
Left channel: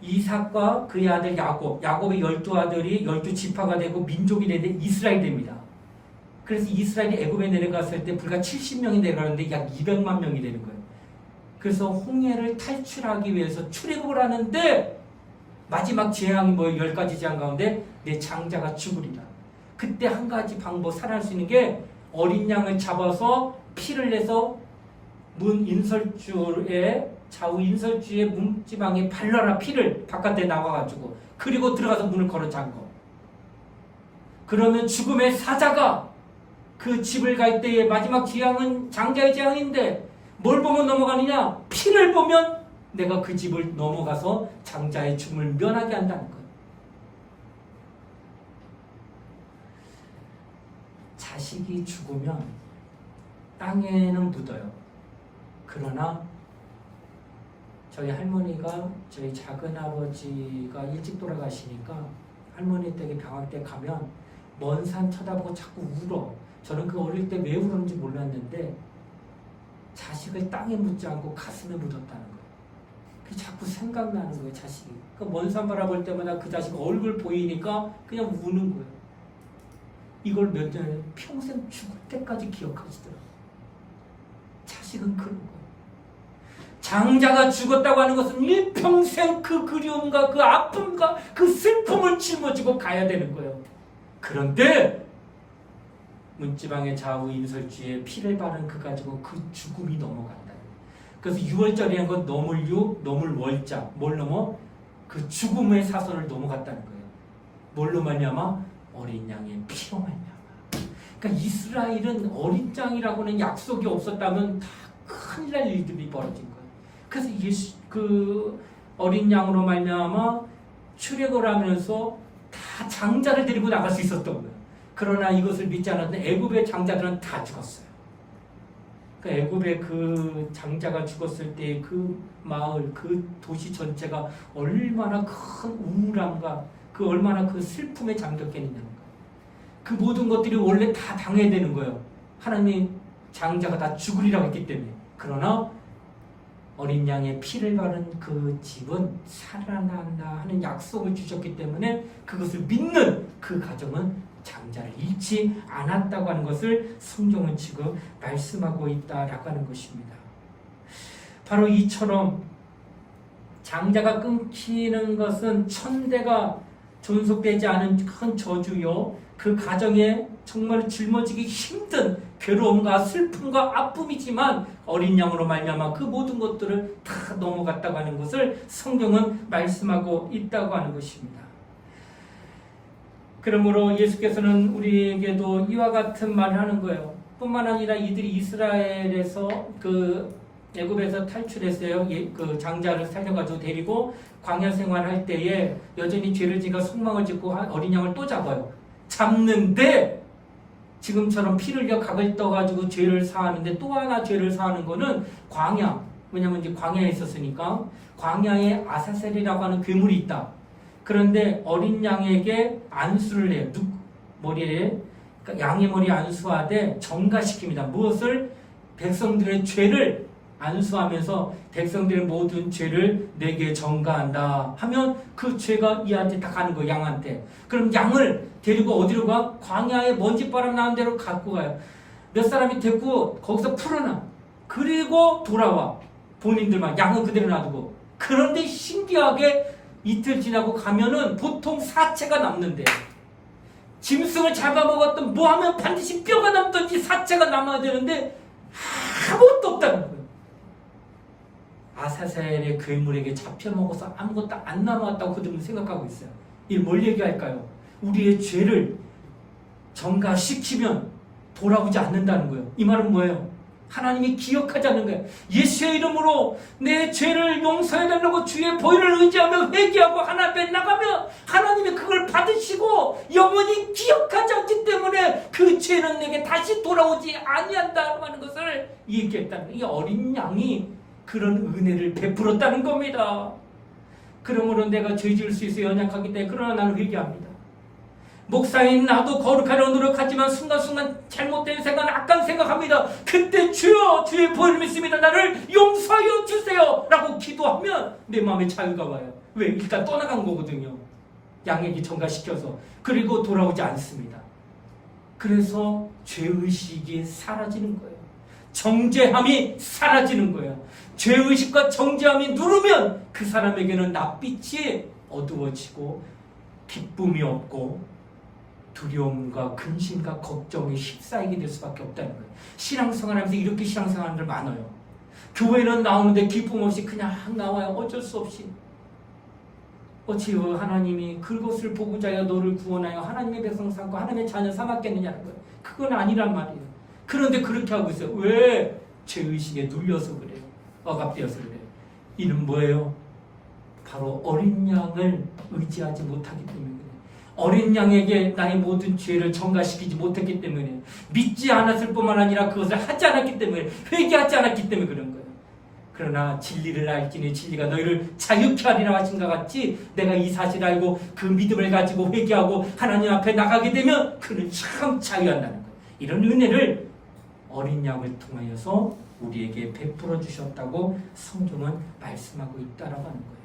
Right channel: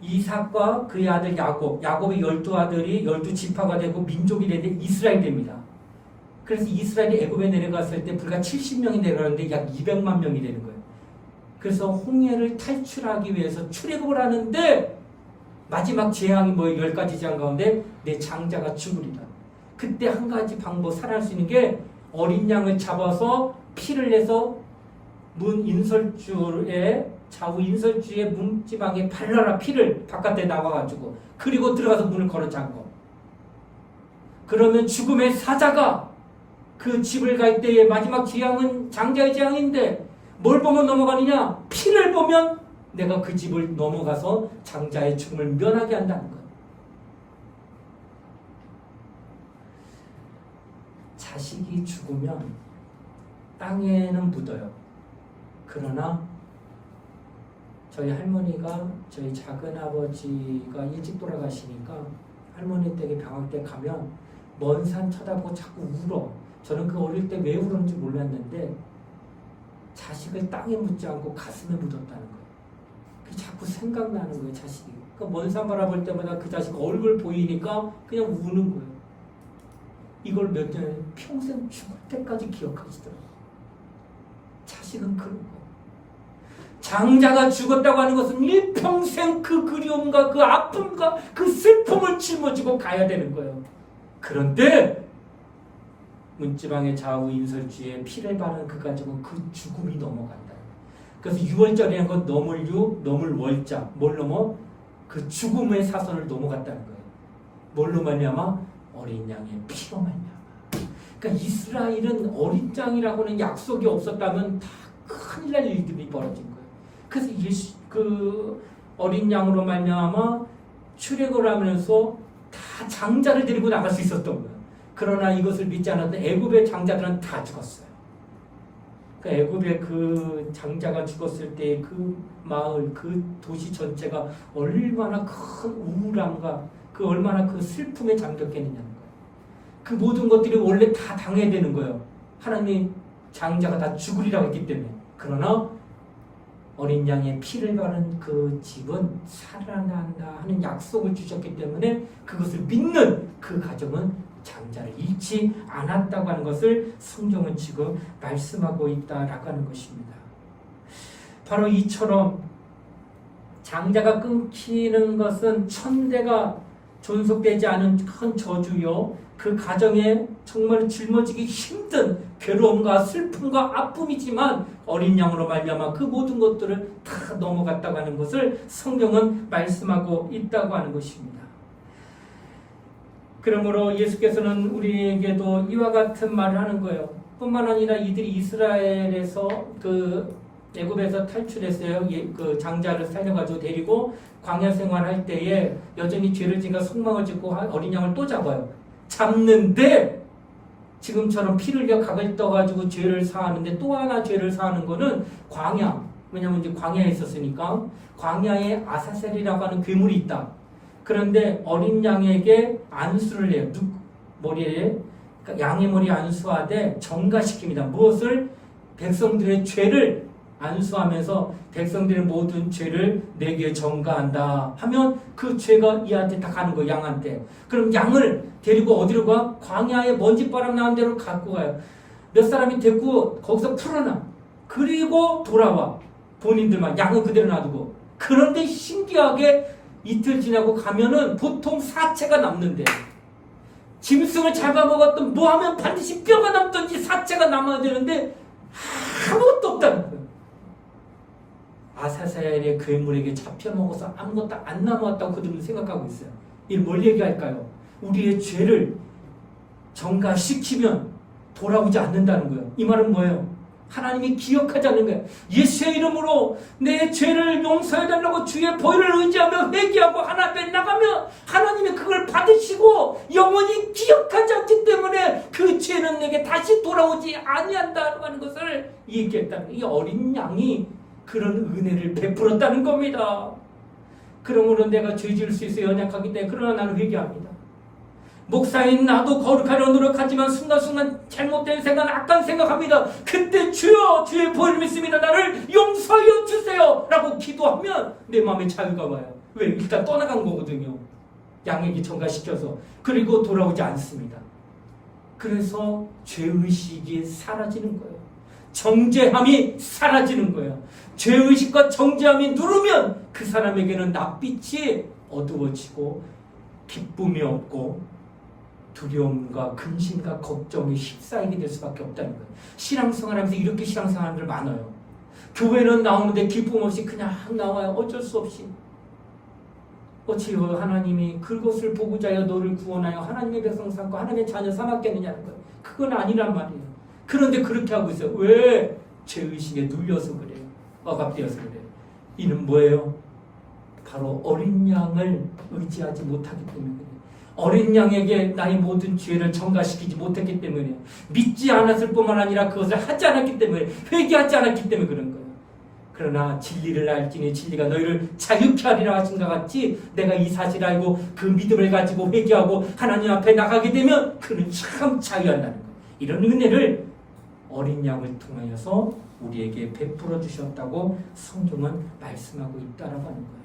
이삭과 그의 아들 야곱의 12아들이 12지파가 되고 민족이 되는데 이스라엘이 됩니다. 그래서 이스라엘이 애굽에 내려갔을 때 불과 70명이 내려가는데 약 200만 명이 되는 거예요. 그래서 홍해를 탈출하기 위해서 출애굽을 하는데 마지막 재앙이 10가지 재앙 가운데 내 장자가 죽으리라. 그때 한 가지 방법, 살아날 수 있는 게 어린 양을 잡아서 피를 내서 문 인설주에 좌우 인설주의 문지방에 발라라. 피를 바깥에 나와가지고 그리고 들어가서 문을 걸어 잠궈. 그러면 죽음의 사자가 그 집을 갈 때의 마지막 재앙은 장자의 재앙인데 뭘 보면 넘어가느냐? 피를 보면 내가 그 집을 넘어가서 장자의 죽음을 면하게 한다는 거예요. 자식이 죽으면 땅에는 묻어요. 그러나 저희 할머니가, 저희 작은아버지가 일찍 돌아가시니까 할머니 댁에 방학 때 가면 먼 산 쳐다보고 자꾸 울어. 저는 그 어릴 때 왜 울었는지 몰랐는데 자식을 땅에 묻지 않고 가슴에 묻었다는 거예요. 그게 자꾸 생각나는 거예요, 자식이. 그러니까 먼 산 바라볼 때마다 그 자식 얼굴 보이니까 그냥 우는 거예요. 이걸 몇 년에 평생 죽을 때까지 기억하시더라고요. 자식은 그런 거예요. 장자가 죽었다고 하는 것은 일평생 그 그리움과 그 아픔과 그 슬픔을 짊어지고 가야 되는 거예요. 그런데 문지방의 좌우 인설주에 피를 바른 그 가지고 그 죽음이 넘어간다. 그래서 6월절이라는 건 넘을 월자. 뭘 넘어? 그 죽음의 사선을 넘어갔다는 거예요. 뭘로 말미암아? 어린 양의 피로 말미암아. 그러니까 이스라엘은 어린 양이라고는 약속이 없었다면 다 큰일 날 일들이 벌어진 거예요. 그래서 그 어린 양으로 말미암아 출애굽을 하면서 다 장자를 데리고 나갈 수 있었던 거예요. 그러나 이것을 믿지 않았던 애굽의 장자들은 다 죽었어요. 그러니까 애굽의 그 장자가 죽었을 때 그 마을, 그 도시 전체가 얼마나 큰 우울함과 그 얼마나 그 슬픔에 잠겼겠느냐는 거예요. 그 모든 것들이 원래 다 당해야 되는 거예요. 하나님이 장자가 다 죽으리라고 했기 때문에. 그러나 어린 양의 피를 바른 그 집은 살아난다 하는 약속을 주셨기 때문에 그것을 믿는 그 가정은 장자를 잃지 않았다고 하는 것을 성경은 지금 말씀하고 있다라고 하는 것입니다. 바로 이처럼 장자가 끊기는 것은 천대가 존속되지 않은 큰 저주요, 그 가정에 정말 짊어지기 힘든 괴로움과 슬픔과 아픔이지만 어린 양으로 말미암아 그 모든 것들을 다 넘어갔다고 하는 것을 성경은 말씀하고 있다고 하는 것입니다. 그러므로 예수께서는 우리에게도 이와 같은 말을 하는 거예요. 뿐만 아니라 이들이 이스라엘에서 그 애굽에서 탈출했어요. 그 장자를 살려가지고 데리고 광야 생활할 때에 여전히 죄를 지가 속망을 짓고 어린 양을 또 잡아요. 잡는데 지금처럼 피를 흘려 각을 떠가지고 죄를 사하는데 또 하나 죄를 사하는 거는 광야. 왜냐면 이제 광야에 있었으니까 광야에 아사셀이라고 하는 괴물이 있다. 그런데 어린 양에게 안수를 해요. 머리에 그러니까 양의 머리에 안수하되 정가시킵니다. 무엇을? 백성들의 죄를 안수하면서 백성들의 모든 죄를 내게 정가한다 하면 그 죄가 이한테 다 가는 거예요. 양한테. 그럼 양을 데리고 어디로 가? 광야에 먼지바람 나는 데로 갖고 가요. 몇 사람이 데리고 거기서 풀어놔. 그리고 돌아와. 본인들만 양은 그대로 놔두고. 그런데 신기하게 이틀 지나고 가면은 보통 사체가 남는데 짐승을 잡아먹었던 뭐 하면 반드시 뼈가 남든지 사체가 남아야 되는데 아무것도 없다는 거예요. 아사셀의 괴물에게 잡혀먹어서 아무것도 안 남았다고 그들은 생각하고 있어요. 이걸 뭘 얘기할까요? 우리의 죄를 정가시키면 돌아오지 않는다는 거예요. 이 말은 뭐예요? 하나님이 기억하지 않는 거예요. 예수의 이름으로 내 죄를 용서해달라고 주의 보혈을 의지하며 회개하고 하나님 앞에 나가면 하나님이 그걸 받으시고 영원히 기억하지 않기 때문에 그 죄는 내게 다시 돌아오지 아니한다고 하는 것을 얘기했다는 거예요. 이 어린 양이 그런 은혜를 베풀었다는 겁니다. 그러므로 내가 죄 지을 수 있어 연약하기 때문에 그러나 나는 회개합니다. 목사인 나도 거룩하려 노력하지만 순간순간 잘못된 생각, 악한 생각합니다. 그때 주여 주의 보혈을 믿습니다. 나를 용서하여 주세요 라고 기도하면 내 마음에 자유가 와요. 왜? 일단 떠나간 거거든요. 양에게 전가시켜서. 그리고 돌아오지 않습니다. 그래서 죄의식이 사라지는 거예요. 정죄함이 사라지는 거예요. 죄의식과 정죄함이 누르면 그 사람에게는 낯빛이 어두워지고 기쁨이 없고 두려움과 근심과 걱정이 휩싸이게 될 수밖에 없다는 거예요. 신앙생활하면서 이렇게 신앙생활들 많아요. 교회는 나오는데 기쁨 없이 그냥 나와요. 어쩔 수 없이. 어찌요 하나님이 그것을 보고자 하여 너를 구원하여 하나님의 백성 삼고 하나님의 자녀 삼았겠느냐는 거예요. 그건 아니란 말이에요. 그런데 그렇게 하고 있어요. 왜? 죄의식에 눌려서 그래요. 억압되어서 그래요. 이는 뭐예요? 바로 어린 양을 의지하지 못하기 때문에 그래요. 어린 양에게 나의 모든 죄를 전가시키지 못했기 때문에 믿지 않았을 뿐만 아니라 그것을 하지 않았기 때문에 회개하지 않았기 때문에 그런 거예요. 그러나 진리를 알지니 진리가 너희를 자유케 하리라 하신 것 같이 내가 이 사실을 알고 그 믿음을 가지고 회개하고 하나님 앞에 나가게 되면 그는 참 자유한다는 거예요. 이런 은혜를 어린 양을 통하여서 우리에게 베풀어 주셨다고 성경은 말씀하고 있다라고 하는 거예요.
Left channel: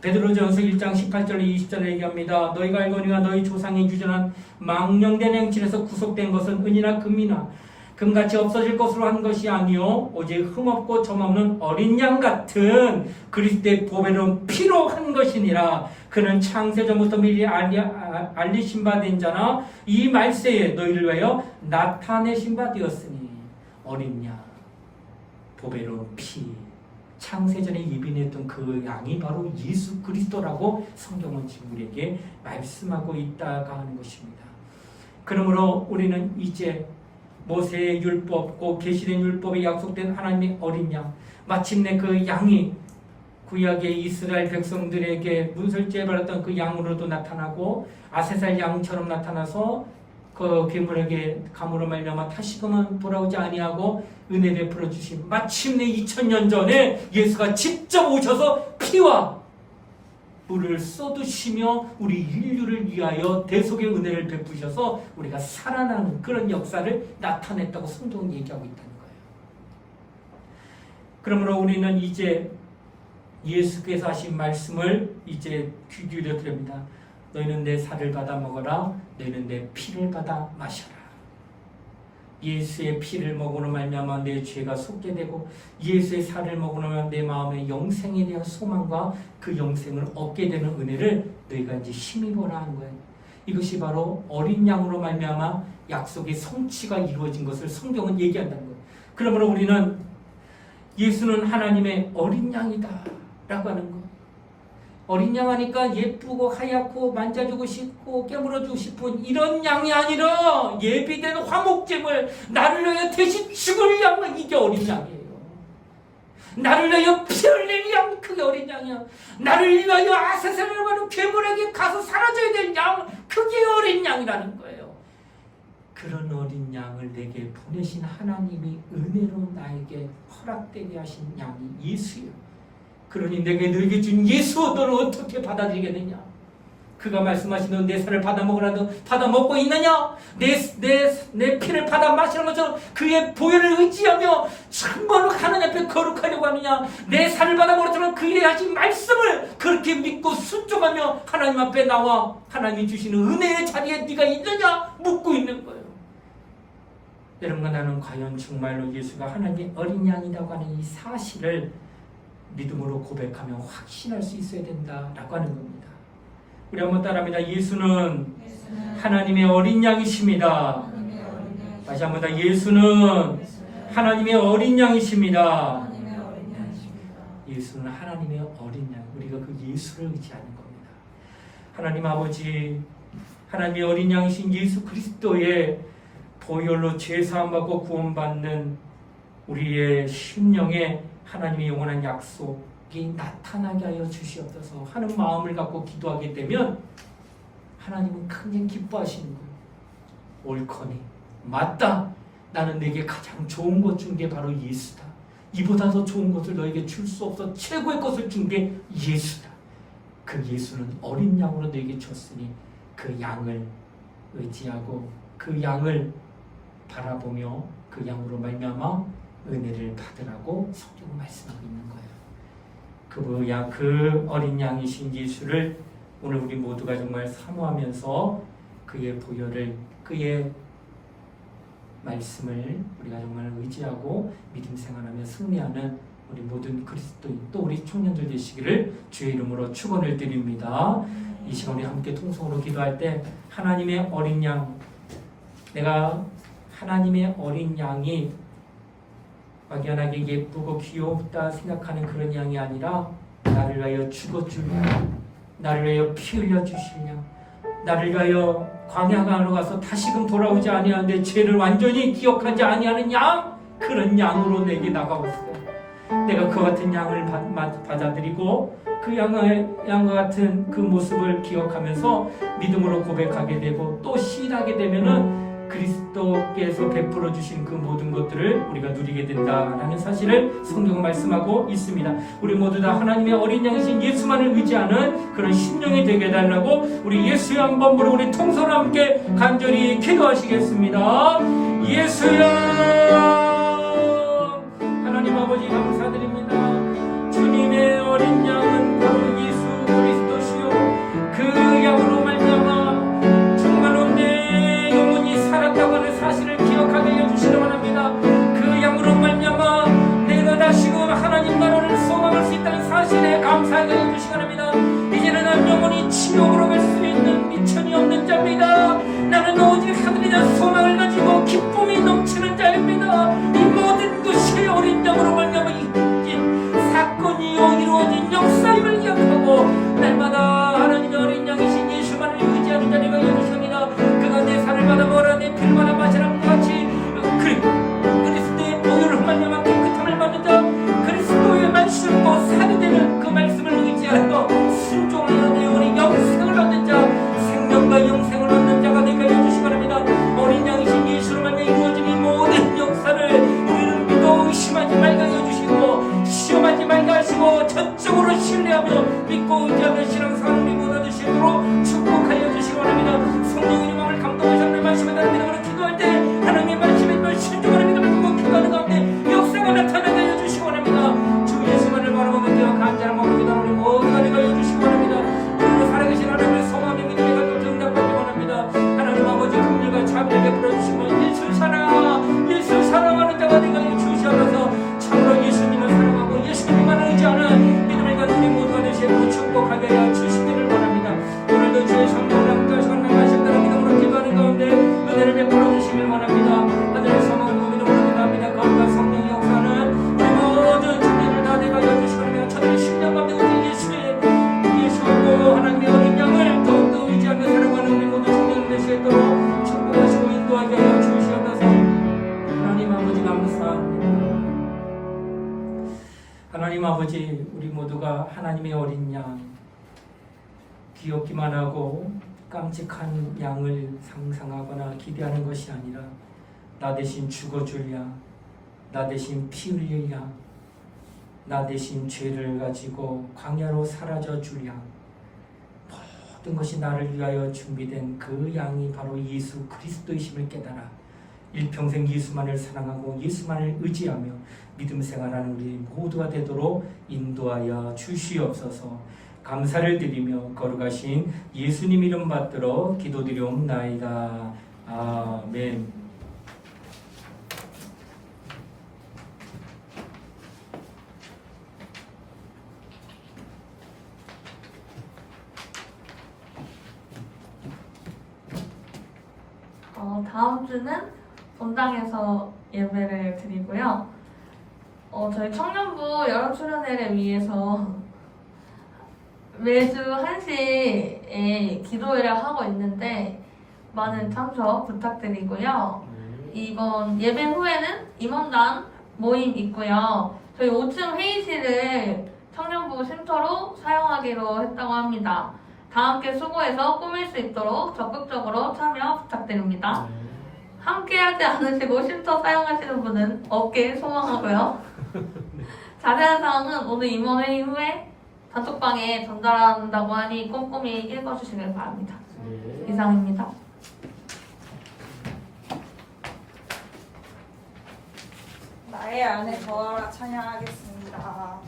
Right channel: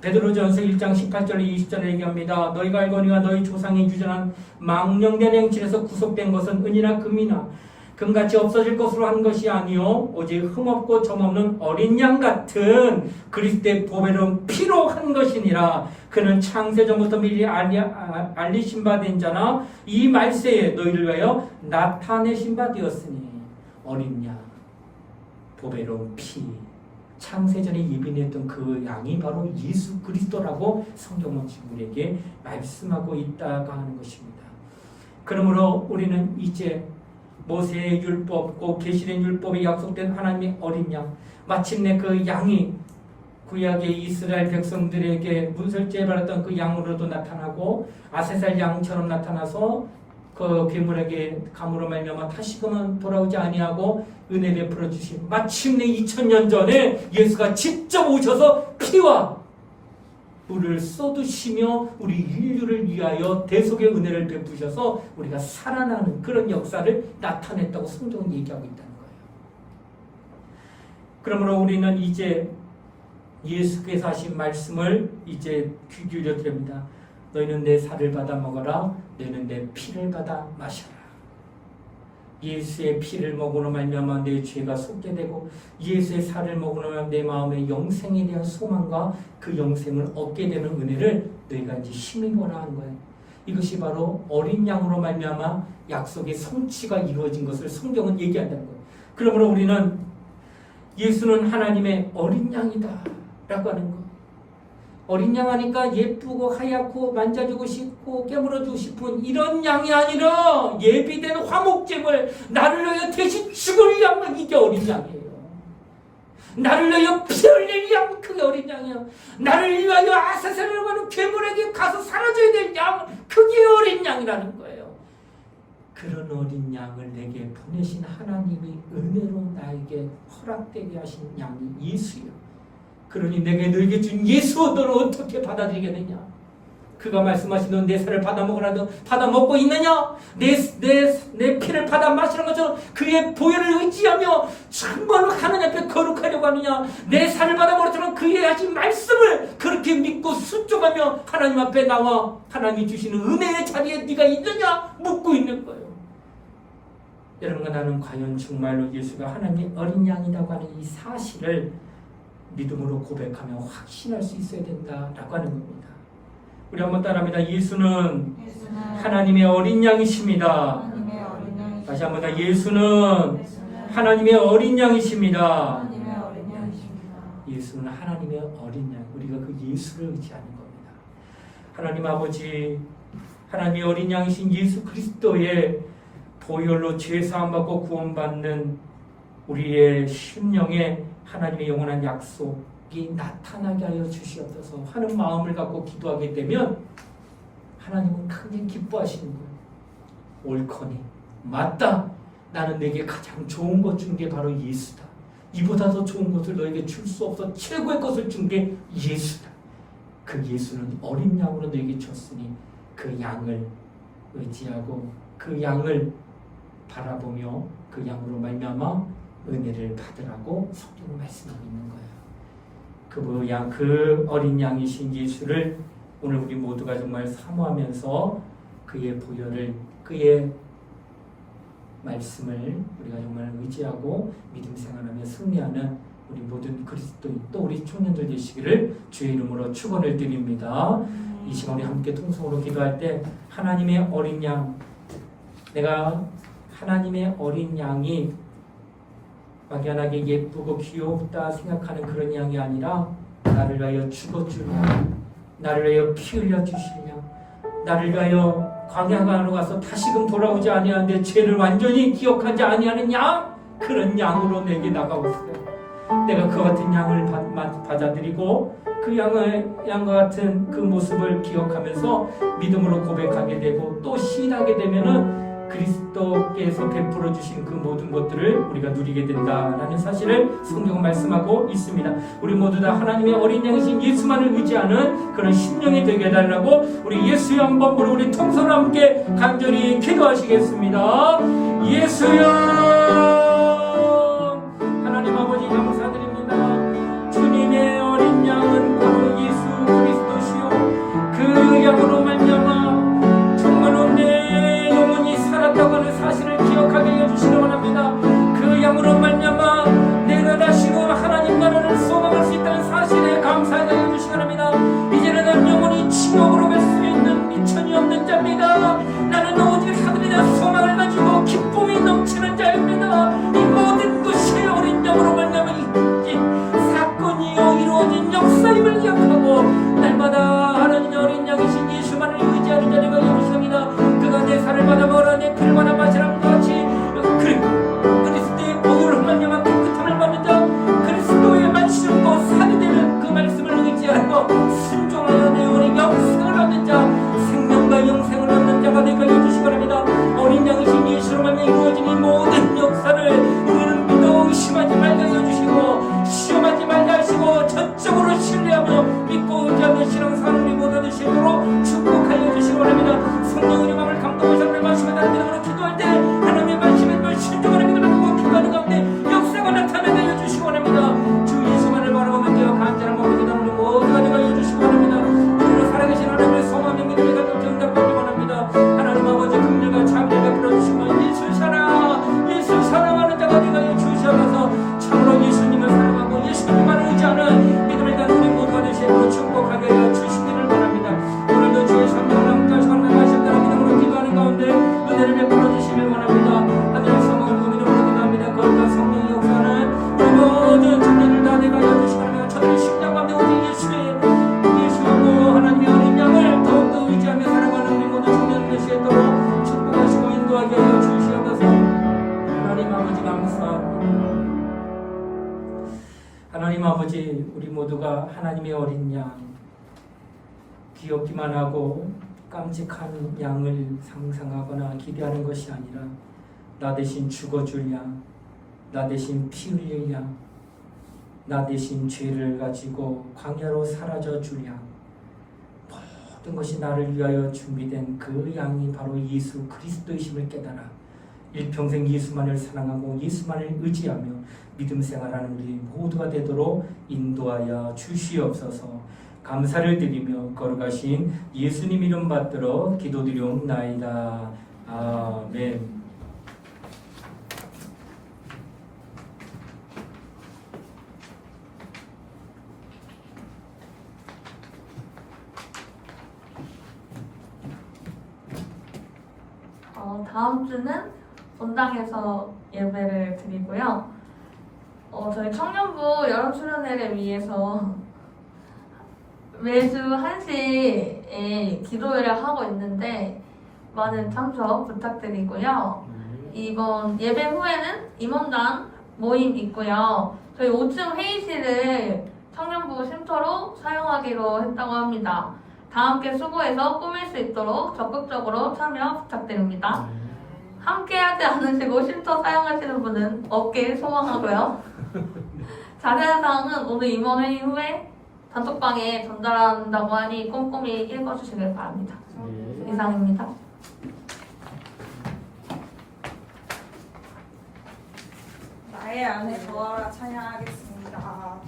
베드로전서 1장 18절 20절에 얘기합니다. 너희가 알거니와 너희 조상의 유전한 망령된 행실에서 구속된 것은 은이나 금이나 금같이 없어질 것으로 한 것이 아니요 오직 흠없고 점없는 어린 양 같은 그리스도의 보배로운 피로 한 것이니라. 그는 창세전부터 미리 알리신 바 된 자나 이 말세에 너희를 위하여 나타내신 바 되었으니. 어린 양, 보배로운 피, 창세전에 예비했던 그 양이 바로 예수 그리스도라고 성경은 지금 우리에게 말씀하고 있다가 하는 것입니다. 그러므로 우리는 이제 모세의 율법, 계시된 율법에 약속된 하나님의 어린 양, 마침내 그 양이 구약의 이스라엘 백성들에게 문설주에 받았던 그 양으로도 나타나고 아세살 양처럼 나타나서 그 괴물에게 감으로 말미암아 다시금은 돌아오지 아니하고 은혜 베풀어 주시고 마침내 2000년 전에 예수가 직접 오셔서 피와 물을 쏟으시며 우리 인류를 위하여 대속의 은혜를 베푸셔서 우리가 살아나는 그런 역사를 나타냈다고 성경은 얘기하고 있다는 거예요. 그러므로 우리는 이제 예수께서 하신 말씀을 이제 귀 기울여 드립니다. 너희는 내 살을 받아 먹어라. 너희는 내 피를 받아 마셔라. 예수의 피를 먹으로 말미암아 내 죄가 속게 되고 예수의 살을 먹으로 말미암아 내 마음의 영생에 대한 소망과 그 영생을 얻게 되는 은혜를 너희가 이제 힘입어라 하는 거예요. 이것이 바로 어린 양으로 말미암아 약속의 성취가 이루어진 것을 성경은 얘기한다는 거예요. 그러므로 우리는 예수는 하나님의 어린 양이다 라고 하는 것, 어린 양 하니까 예쁘고 하얗고 만져주고 싶고 깨물어주고 싶은 이런 양이 아니라 예비된 화목제물, 나를 위하여 대신 죽을 양, 이게 어린 양이에요. 나를 위하여 피 흘릴 양, 그게 어린 양이야. 나를 위하여 아사셀이라고 하는 괴물에게 가서 사라져야 될 양, 그게 어린 양이라는 거예요. 그런 어린 양을 내게 보내신 하나님이 은혜로 나에게 허락되게 하신 양이 예수예요. 그러니 내게 너에게 준 예수, 너는 어떻게 받아들이겠느냐? 그가 말씀하시는 내 살을 받아 먹으라도 받아 먹고 있느냐? 내 피를 받아 마시는 것처럼 그의 보혈을 의지하며 정말로 하나님 앞에 거룩하려고 하느냐? 내 살을 받아 먹으라도 그의 하신 말씀을 그렇게 믿고 순종하며 하나님 앞에 나와 하나님이 주시는 은혜의 자리에 네가 있느냐? 묻고 있는 거예요. 여러분과 나는 과연 정말로 예수가 하나님의 어린 양이라고 하는 이 사실을 믿음으로 고백하며 확신할 수 있어야 된다라고 하는 겁니다. 우리 한번 따라합니다. 예수는 하나님의 어린 양이십니다. 다시 한번 더, 예수는 하나님의 어린 양이십니다. 예수는 하나님의 어린 양, 우리가 그 예수를 의지하는 겁니다. 하나님 아버지, 하나님의 어린 양이신 예수 그리스도의 보혈로 죄사함 받고 구원받는 우리의 심령에 하나님의 영원한 약속이 나타나게 하여 주시옵소서 하는 마음을 갖고 기도하게 되면 하나님은 크게 기뻐하시는 거예요. 옳거니 맞다, 나는 내게 가장 좋은 것 준 게 바로 예수다. 이보다 더 좋은 것을 너에게 줄 수 없어 최고의 것을 준 게 예수다. 그 예수는 어린 양으로 너에게 줬으니 그 양을 의지하고 그 양을 바라보며 그 양으로 말미암아 은혜를 받으라고 성경 말씀하고 있는 거예요. 그 뭐야, 그 어린 양이신 예수를 오늘 우리 모두가 정말 사모하면서 그의 보혈을, 그의 말씀을 우리가 정말 의지하고 믿음 생활하며 승리하는 우리 모든 그리스도인, 또 우리 청년들 되시기를 주의 이름으로 축원을 드립니다. 이 시간 우리 함께 통성으로 기도할 때 하나님의 어린 양, 내가 하나님의 어린 양이 막연하게 예쁘고 귀엽다 생각하는 그런 양이 아니라 나를 위하여 죽어줄 양, 나를 위하여 피 흘려 주실 양, 나를 위하여 광야간으로 가서 다시금 돌아오지 아니하는데 죄를 완전히 기억하지 아니하는 양, 그런 양으로 내게 나가왔어요. 내가 그 같은 양을 받아들이고 그 양과 같은 그 모습을 기억하면서 믿음으로 고백하게 되고 또 시인하게 되면은 그리스도께서 베풀어 주신 그 모든 것들을 우리가 누리게 된다라는 사실을 성경은 말씀하고 있습니다. 우리 모두 다 하나님의 어린 양이신 예수만을 의지하는 그런 심령이 되게 해달라고 우리 예수여 한번 부르고 우리 통성으로 함께 간절히 기도하시겠습니다. 예수여, 하나님 아버지 감사드립니다. 주님의 어린 양은 바로 예수 그리스도시요, 그 양으로 말미암아 정말로 내 영혼이 살았다고 하는 사실을 기억하게 해주시기 원합니다. 그 양으로 말미암아 내가 다시금 하나님 나라를 소망할 수 있다는 사실에 감사하게 해주시기 원합니다. 이제는 난 영혼이 지옥으로 갈 수 있는 미천이 없는 자입니다. 나는 오직 하늘이나 소망을 가지고 기쁨이 넘치는 자입니다. 이 모든 것이 어린 양으로 말미암아 이긴 사건이요 이루어진 역사임을 기억하고 날마다 하나님의 어린 양이신 예수만을 의지하는 자리가 여기십니다. 그가 내 살을 받아 먹으라 내 피를 받아 마시라 같이 그리스도의 보혈을 말미암아 깨끗함을 받는 자, 그리스도의 말씀과 살이 되는 그 말씀을 의지하여 순종하여 내 영혼이 영생을 얻는 자, 생명과 영생을 얻는 자가 되게 해주시기 바랍니다. 하나님의 어린 양, 귀엽기만 하고 깜찍한 양을 상상하거나 기대하는 것이 아니라 나 대신 죽어줄 양, 나 대신 피 흘릴 양, 나 대신 죄를 가지고 광야로 사라져 줄 양, 모든 것이 나를 위하여 준비된 그 양이 바로 예수 그리스도이심을 깨달아 일평생 예수만을 사랑하고 예수만을 의지하며 믿음 생활하는 우리 모두가 되도록 인도하여 주시옵소서. 감사를 드리며 거룩하신 예수님 이름 받들어 기도드리옵나이다. 아멘. 다음 주는 본당에서 예배를 드리고요. 저희 청년부 여름수련회를 위해서 매주 1시에 기도회를 하고 있는데 많은 참석 부탁드리고요. 이번 예배 후에는 임원단 모임 있고요. 저희 5층 회의실을 청년부 쉼터로 사용하기로 했다고 합니다. 다 함께 수고해서 꾸밀 수 있도록 적극적으로 참여 부탁드립니다. 함께 하지 않으시고 쉼터 사용하시는 분은 없길 소망하고요. 자세한 사항은 오늘 임원회의 후에 단톡방에 전달한다고 하니 꼼꼼히 읽어주시길 바랍니다. 이상입니다. 나의 안에 거하라 찬양하겠습니다.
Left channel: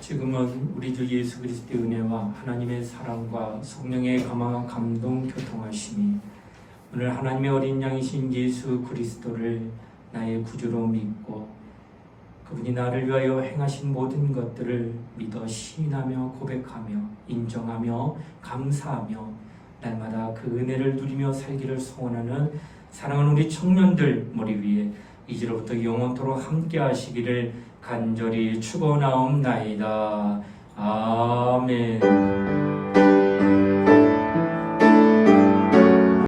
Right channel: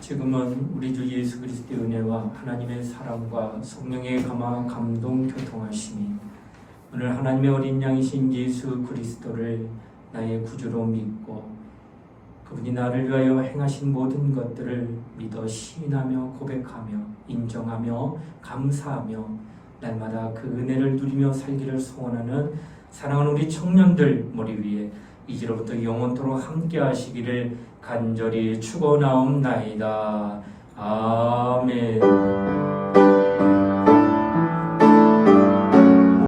지금은 우리 주 예수 그리스도의 은혜와 하나님의 사랑과 성령의 감화 감동 교통하심이 오늘 하나님의 어린 양이신 예수 그리스도를 나의 구주로 믿고 그분이 나를 위하여 행하신 모든 것들을 믿어 시인하며 고백하며 인정하며 감사하며 날마다 그 은혜를 누리며 살기를 소원하는 사랑하는 우리 청년들 머리 위에 이제로부터 영원토록 함께 하시기를 간절히 축원하옵나이다. 아멘.